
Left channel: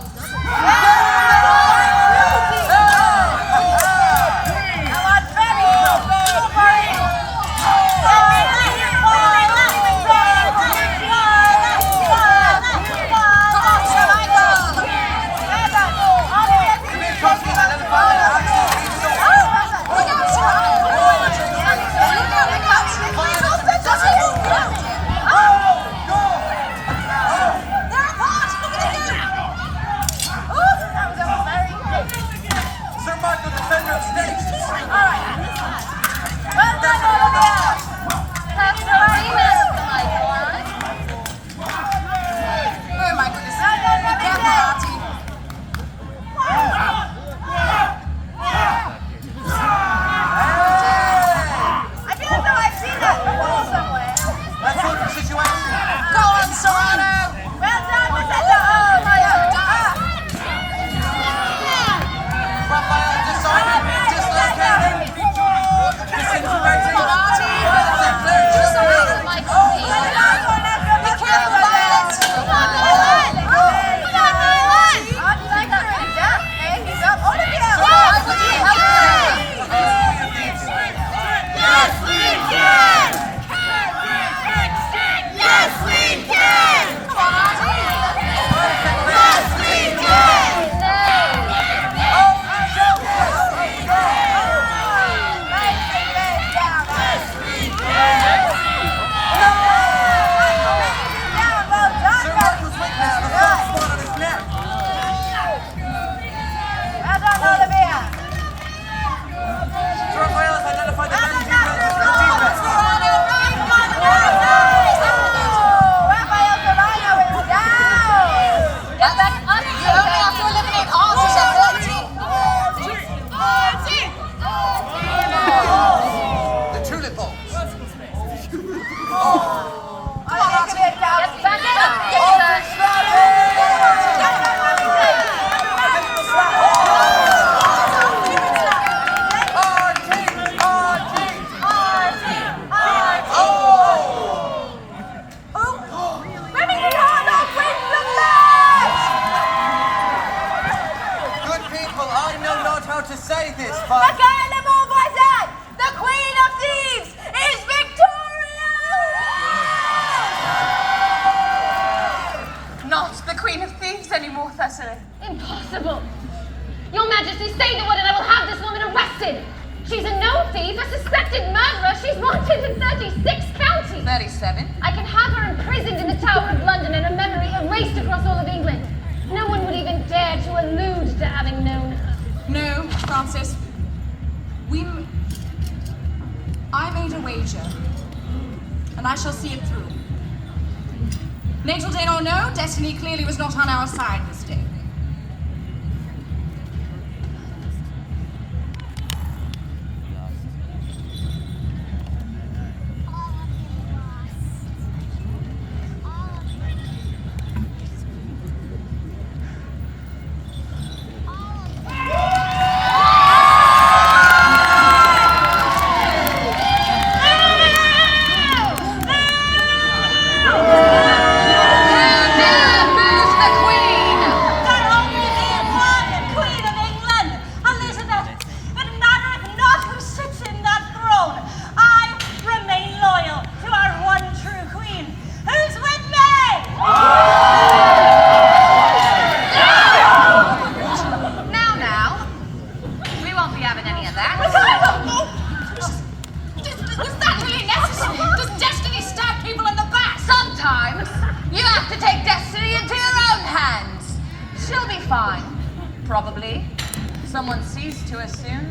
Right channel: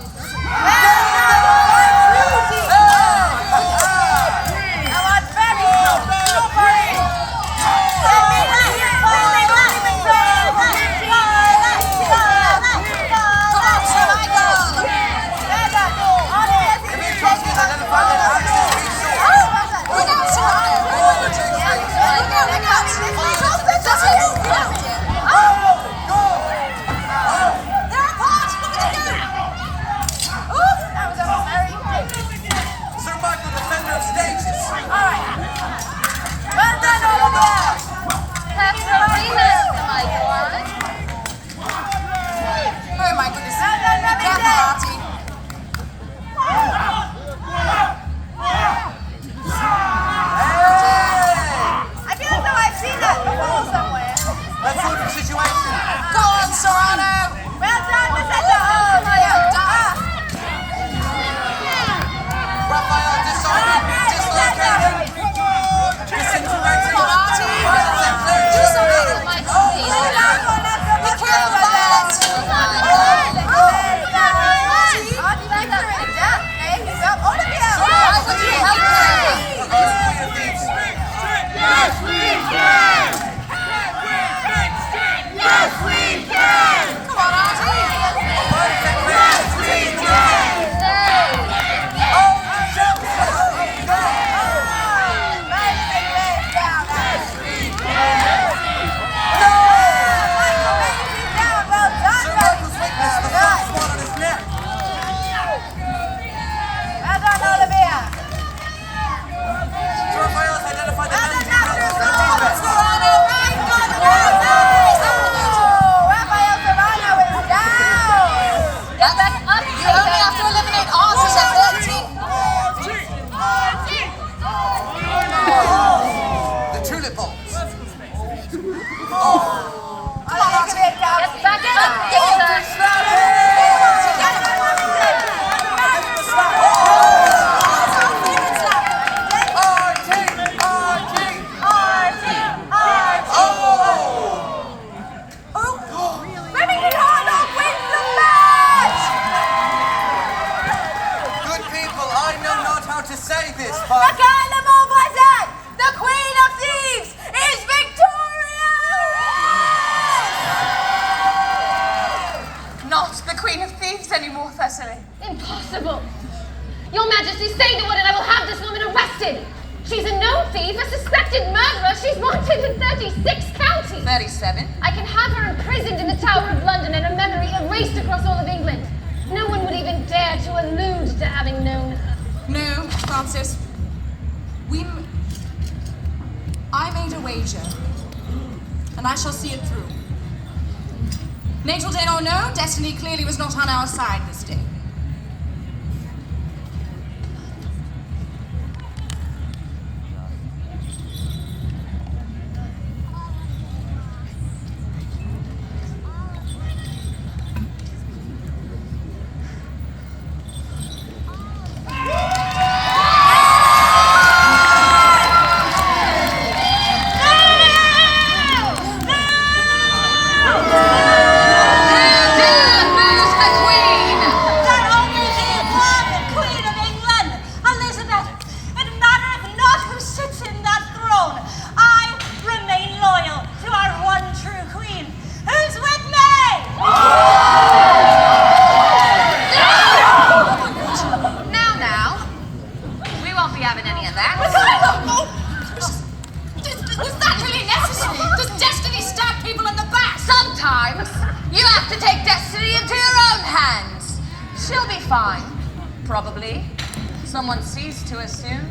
Micaela Montvoisin, the Queen of Thieves, is victorious! Not the Queen of Thieves anymore, Thessaly. Impossible. Your Majesty, say the word and I will have this woman arrested. She's a known thief, a suspected murderer. She's wanted in 36 counties. 37. I can have her imprisoned in the Tower of London and her memory erased across all of England. No one would even dare to allude to having known her. No, Francis. I made a wager, and I shall see it through. Natal day or no, destiny clearly was not on our side this day. fine. Probably. Someone sees to us soon.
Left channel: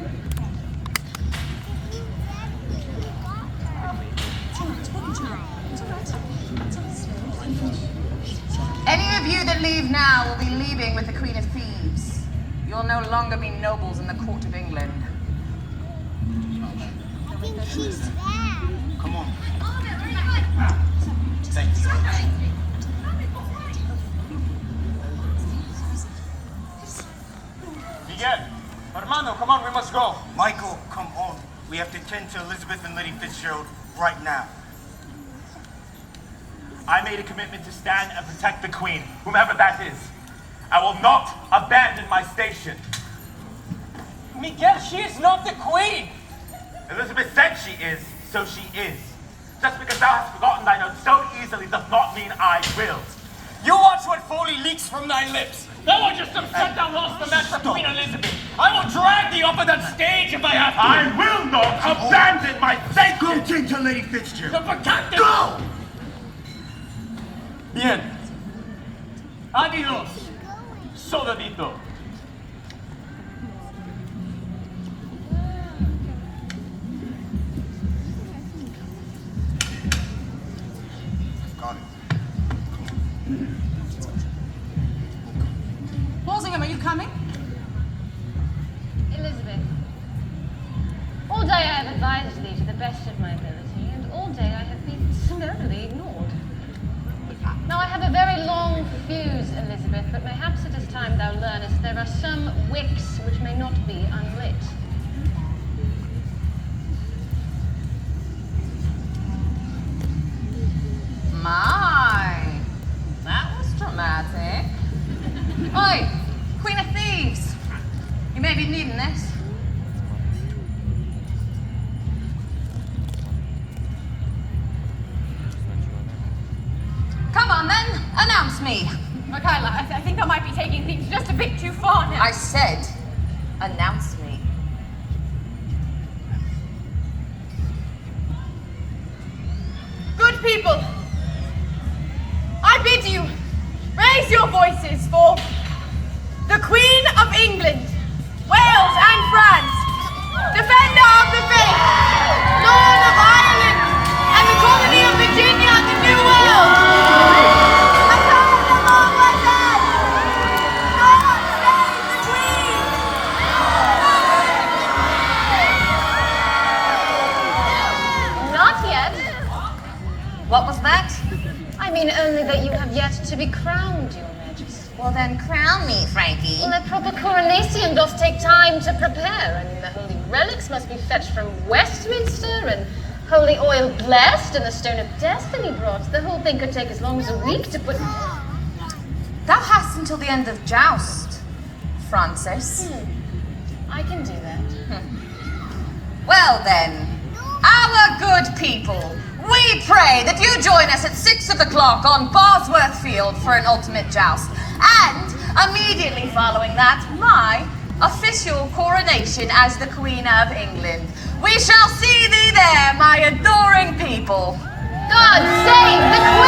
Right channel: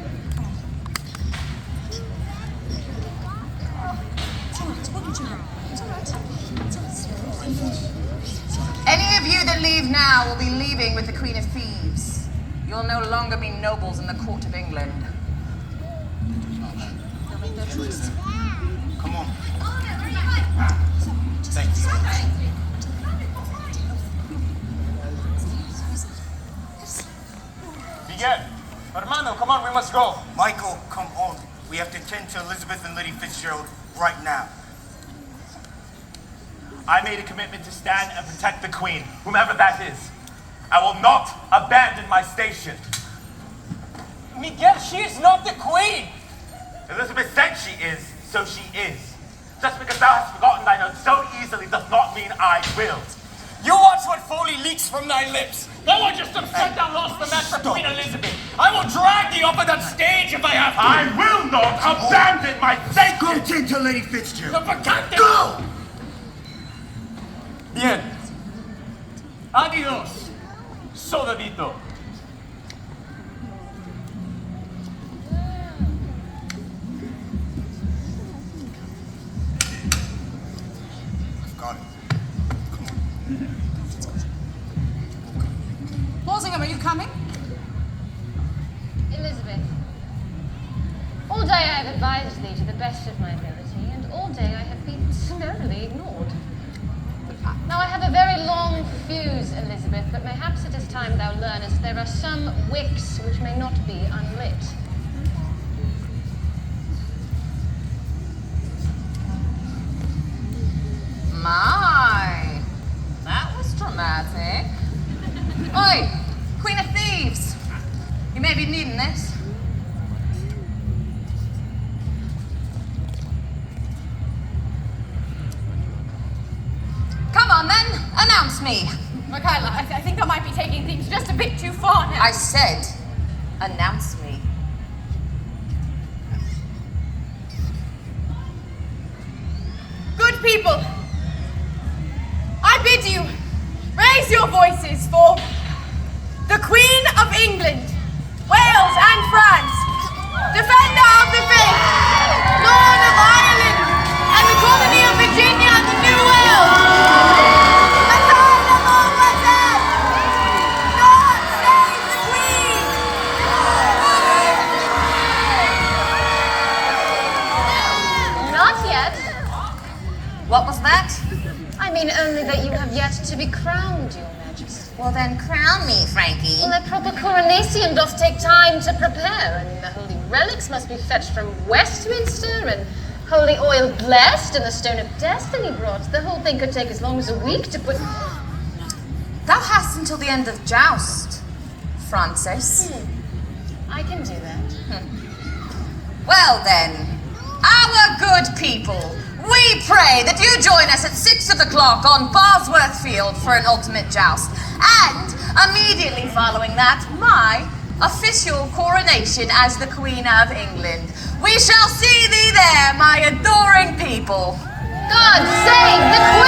Any of you that leave now will be leaving with the Queen of Thieves. You'll no longer be nobles in the court of England. Come on. Thanks. Miguel, hermano, come on, we must go. Michael, come on. We have to tend to Elizabeth and Lady Fitzgerald right now. I made a commitment to stand and protect the Queen, whomever that is. I will not abandon my station. Miguel, she is not the Queen! Elizabeth said she is, so she is. Just because thou hast forgotten thine oath so easily does not mean I will. You watch what folly leaks from thy lips. Thou art just upset thou lost the match for Queen Elizabeth. I will drag thee off of that stage if I have to. I will not abandon my station! Go tend to Lady Fitzgerald. Go! Bien. Adios, soldadito. Got it. Walsingham, are you coming? Elizabeth, all day I have advised thee to the best of my ability, and all day I have been summarily ignored. Now I have a very long fuse, Elizabeth, but mayhaps it is time thou learnest there are some wicks which may not be unlit. My, that was dramatic. Oi, Queen of Thieves. You may be needing this. Come on then, announce me. Micaela, I think I might be taking things just a bit too far now. I said, announce me. Good people, I bid you raise your voices for the Queen of England, Wales and France, Defender of the Faith, Lord of Ireland, and the Colony of Virginia and the New Wales. Not yet. What was that? I mean only that you have yet to be crowned, your majesty. Well then, crown me, Frankie. Well, a proper coronation doth take time to prepare. I mean, the holy relics must be fetched from Westminster, and holy oil blessed, and the stone of destiny brought. The whole thing could take as long as a week to put... Thou hast until the end of joust, Francis. I can do that. Well then, our good people, we pray that you join us at 6 o'clock on Bosworth Field for an ultimate joust. And immediately following that, my official coronation as the Queen of England. We shall see thee there, my adoring people. God save the Queen!